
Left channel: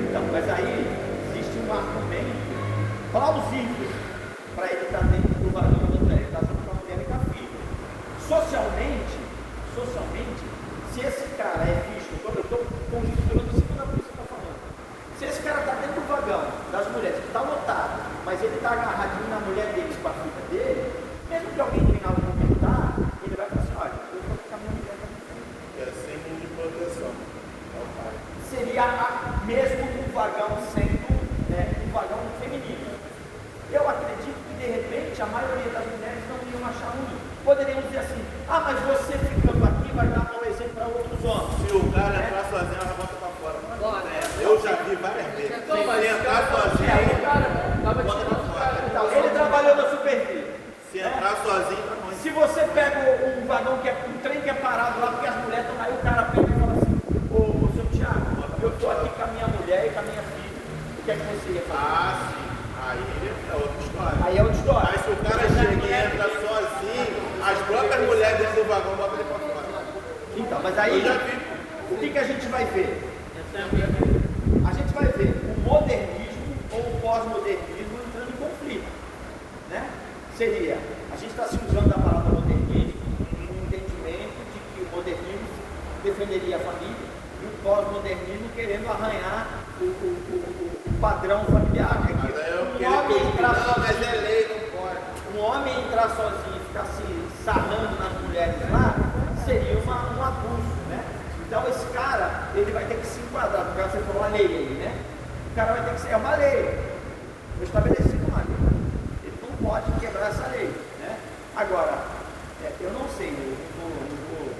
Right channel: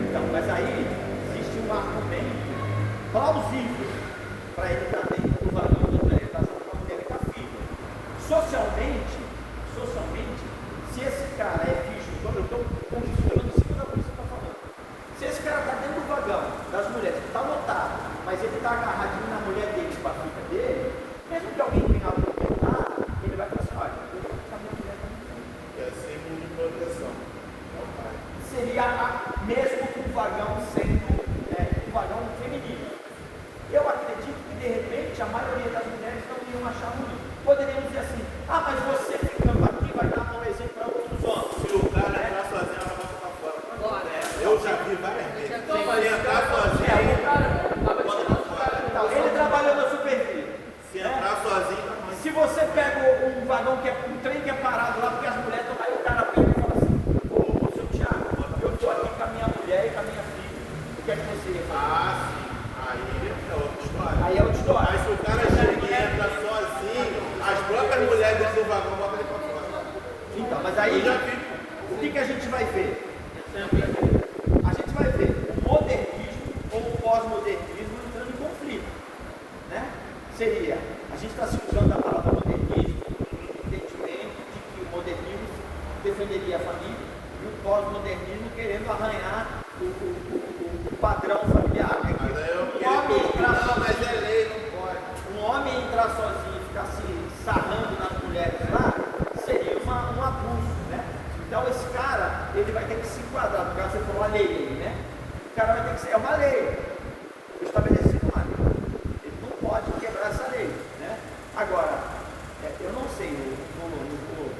Então, mas aí existe um argumento plausível para ele estar dentro do marido da mulher, está com a mulher e com a filha. Socialmente, se esse cara é visto, quando eu estou considerando isso que você está falando, se esse cara está dentro do vagão das mulheres, que está lotado, mas ele está agarradinho na mulher dele, com a filha dele, mesmo que alguém venha para matar, ele vai falar assim: olha, eu vou ficar minha mulher também. É símbolo de proteção. Seria mesmo um vagão sendo um vagão feminino. Eu acredito que de repente a maioria das mulheres não iriam achar ruim. Poderiam dizer assim: ah, mas você ficando aqui vai dar um exemplo para outros homens. Se o cara entrar sozinho, ela bota pra fora. Bora. Eu já vi várias vezes. Se entrar sozinho, bota pra fora. Então, ele trabalhou na superfície. Se entrar sozinho, Se você pega um vagão que é um trem que é parado lá, porque as mulheres estão aí, o cara pega e fala assim: ô seu Thiago, eu estou aqui com a minha mulher e com a minha filha. O que é que você ia fazer? ah, sim. Aí é outra história. Aí é outra história. Mas se o cara chega e entra sozinho, as próprias mulheres dentro do vagão botam ele pra fora. Então, mas aí, o que a gente vai ver? A gente vai ver o modernismo ou o pós-modernismo entrando em conflito, né? Seria, a gente está se usando a palavra modernismo em entendimento de que o modernismo defenderia a família e o pós-modernismo querendo arranhar o padrão familiar. É que um homem entrar sozinho, um homem entrar sozinho e ficar se sarrando nas mulheres lá, seria um abuso, né? Então esse cara, ele vai ter que se enquadrar, no caso você falou uma lei aí, né? O cara vai ter que ser, é uma lei, foi estabelecido uma lei, ele não pode quebrar essa lei, né? Agora, eu não sei, não vou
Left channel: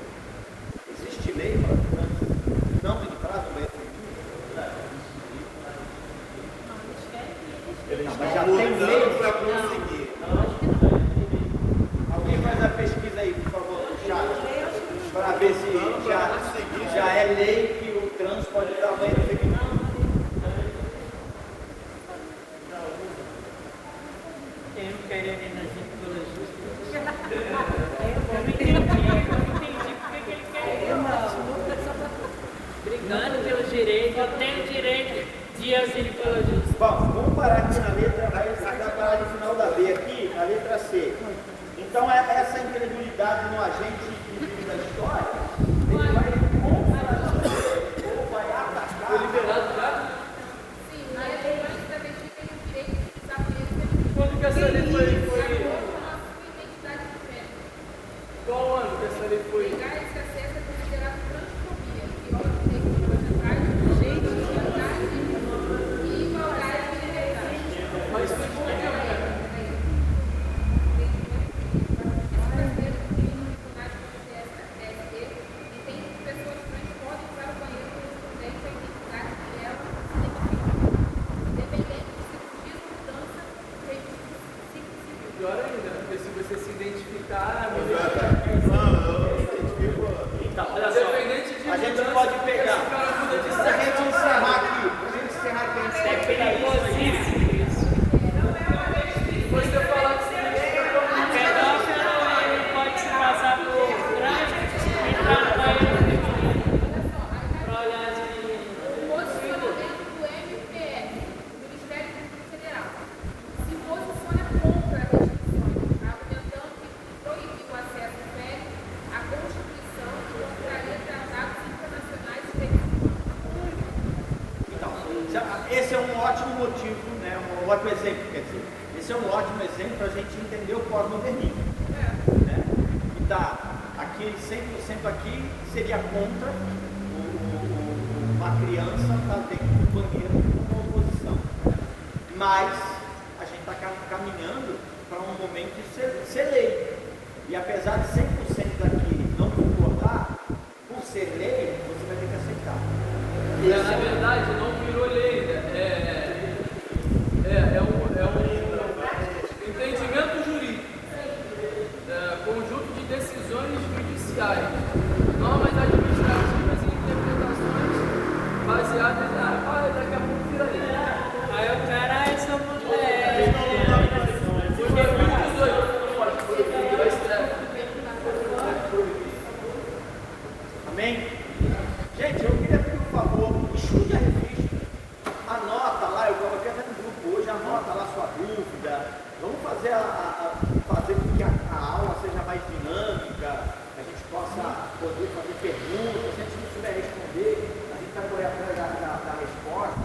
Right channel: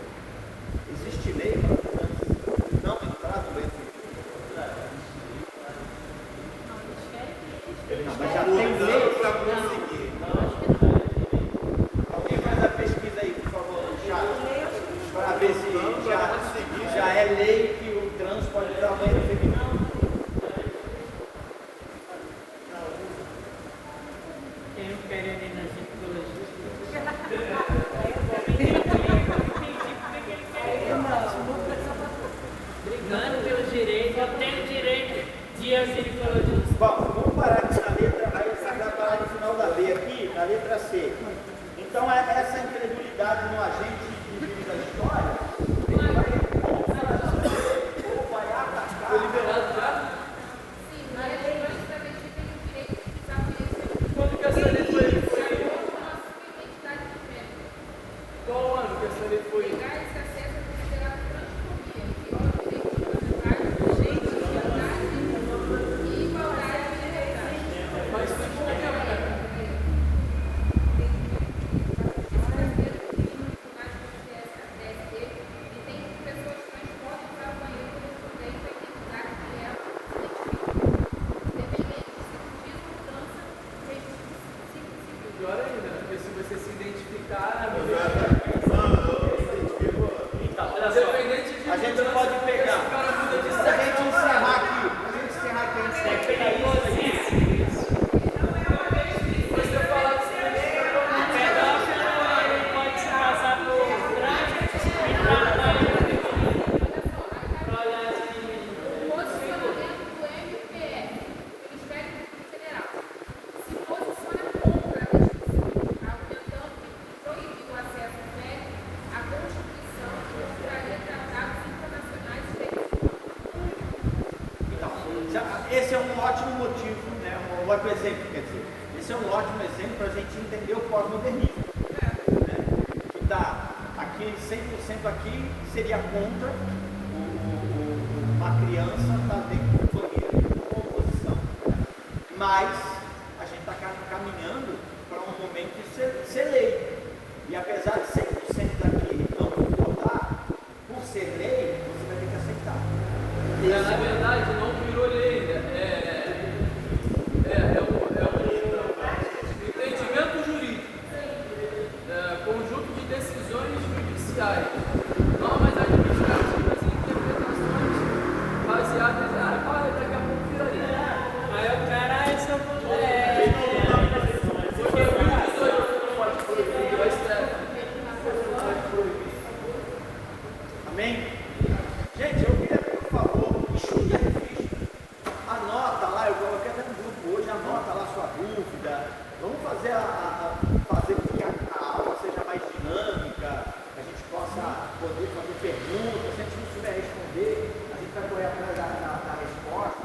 Então, essa incredulidade no agente divino da história, ele vai Foi liberado já? Sim, mas eu acho que a gente tem o direito de pisar por ele. Quando que essa lei foi? Nossa identidade de fé. Qual ano que essa lei foi? Pegar esse acesso é considerado transfobia. Tem que buscar gente que andar e procurar a liberdade. Mas foi por que, né? Pior ainda, porque se você se identificar, independente de a gente pode pegar. Se a gente encerrar aqui, a gente pegar isso. O posicionamento do MPF, Ministério Público Federal, se posiciona contra a restrição, argumentando que proibir o acesso prévio à Constituição para tratados internacionais feitos. Então, esse é um ótimo motivo, né? Um ótimo exemplo, quer dizer, esse é um ótimo exemplo para a gente entender o pós-modernismo. Né? E tá, aqui, 100% aqui seria contra uma criança estar dentro do banheiro com oposição. Mas a gente está caminhando para um momento de ser lei. E apesar de 100% daqui não concordar, por ser lei, você vai ter que aceitar. na verdade, não virou lei, né? É um entendimento jurídico, conjunto de decisões judiciais, normas administrativas e interpretações baseadas na olha, daqui a pouco vira lei. Aí o cara, esse é o modelo. Amém? Gente, eu queria, por favor, estuda a revista. Anota lá, eu coloquei até no grupo hoje, anota lá sua dúvida. Vamos fazer fazer com que a aula seja mais dinâmica, a gente possa poder fazer perguntas. Se a gente não souber responder, a gente vai correr atrás da resposta,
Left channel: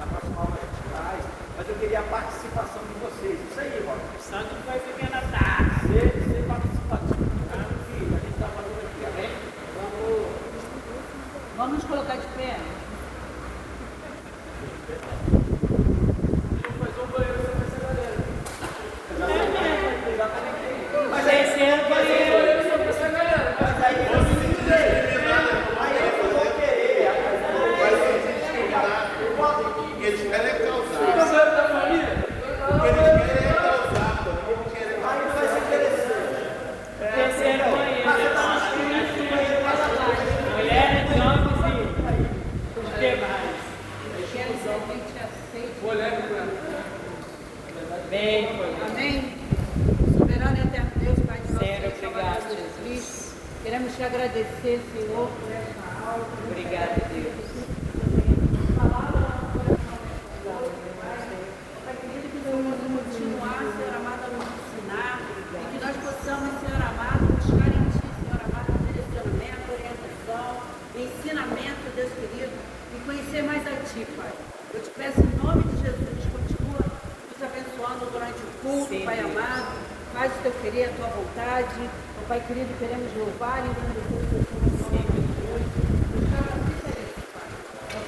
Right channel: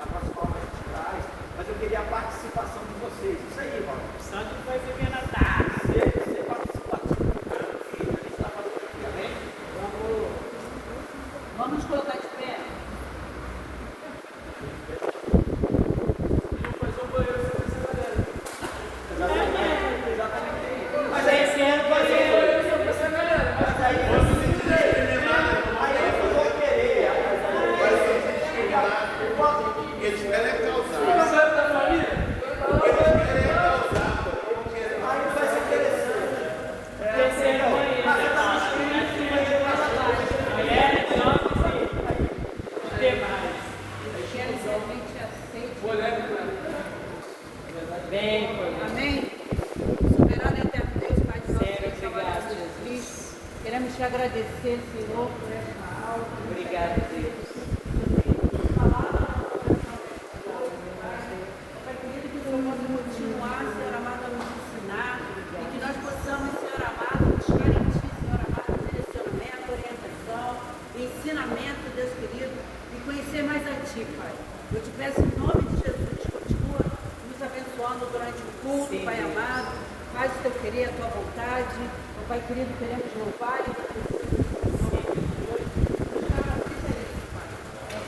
na próxima aula a gente traz. Mas eu queria a participação de vocês. Isso aí, Robert. Santo foi pequena tarde. Ser participativo. Vamos colocar de pé. Mas esse é o banheiro. Eles querem causar. Você é da família? Eles querem causar. Esse é o banheiro. Mulheres, homens e os demais. Quero que a gente aceite. Mulher com ela. Bem, Amém? Soberano e eterno Deus, Pai de nosso Senhor, Senhor Salvador obrigado. Jesus Cristo. Queremos te agradecer, Senhor, por esta aula. Obrigada, Deus. Pai querido, que o Senhor continuar, Senhor amado, a nos ensinar e que nós possamos, Senhor amado, buscar em ti, Senhor amado, direcionamento, orientação, ensinamento, Deus querido, e conhecer mais a ti, Pai. Eu te peço em nome de Jesus, continua nos abençoando durante o culto, Sim, Pai Deus. amado. Faz o teu querer, a tua vontade. Ó Pai querido, queremos louvar e agradecer.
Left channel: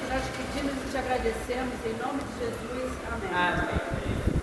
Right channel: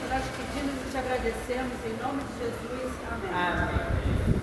Nós te pedimos e te agradecemos em nome de Jesus. Amém. Amém.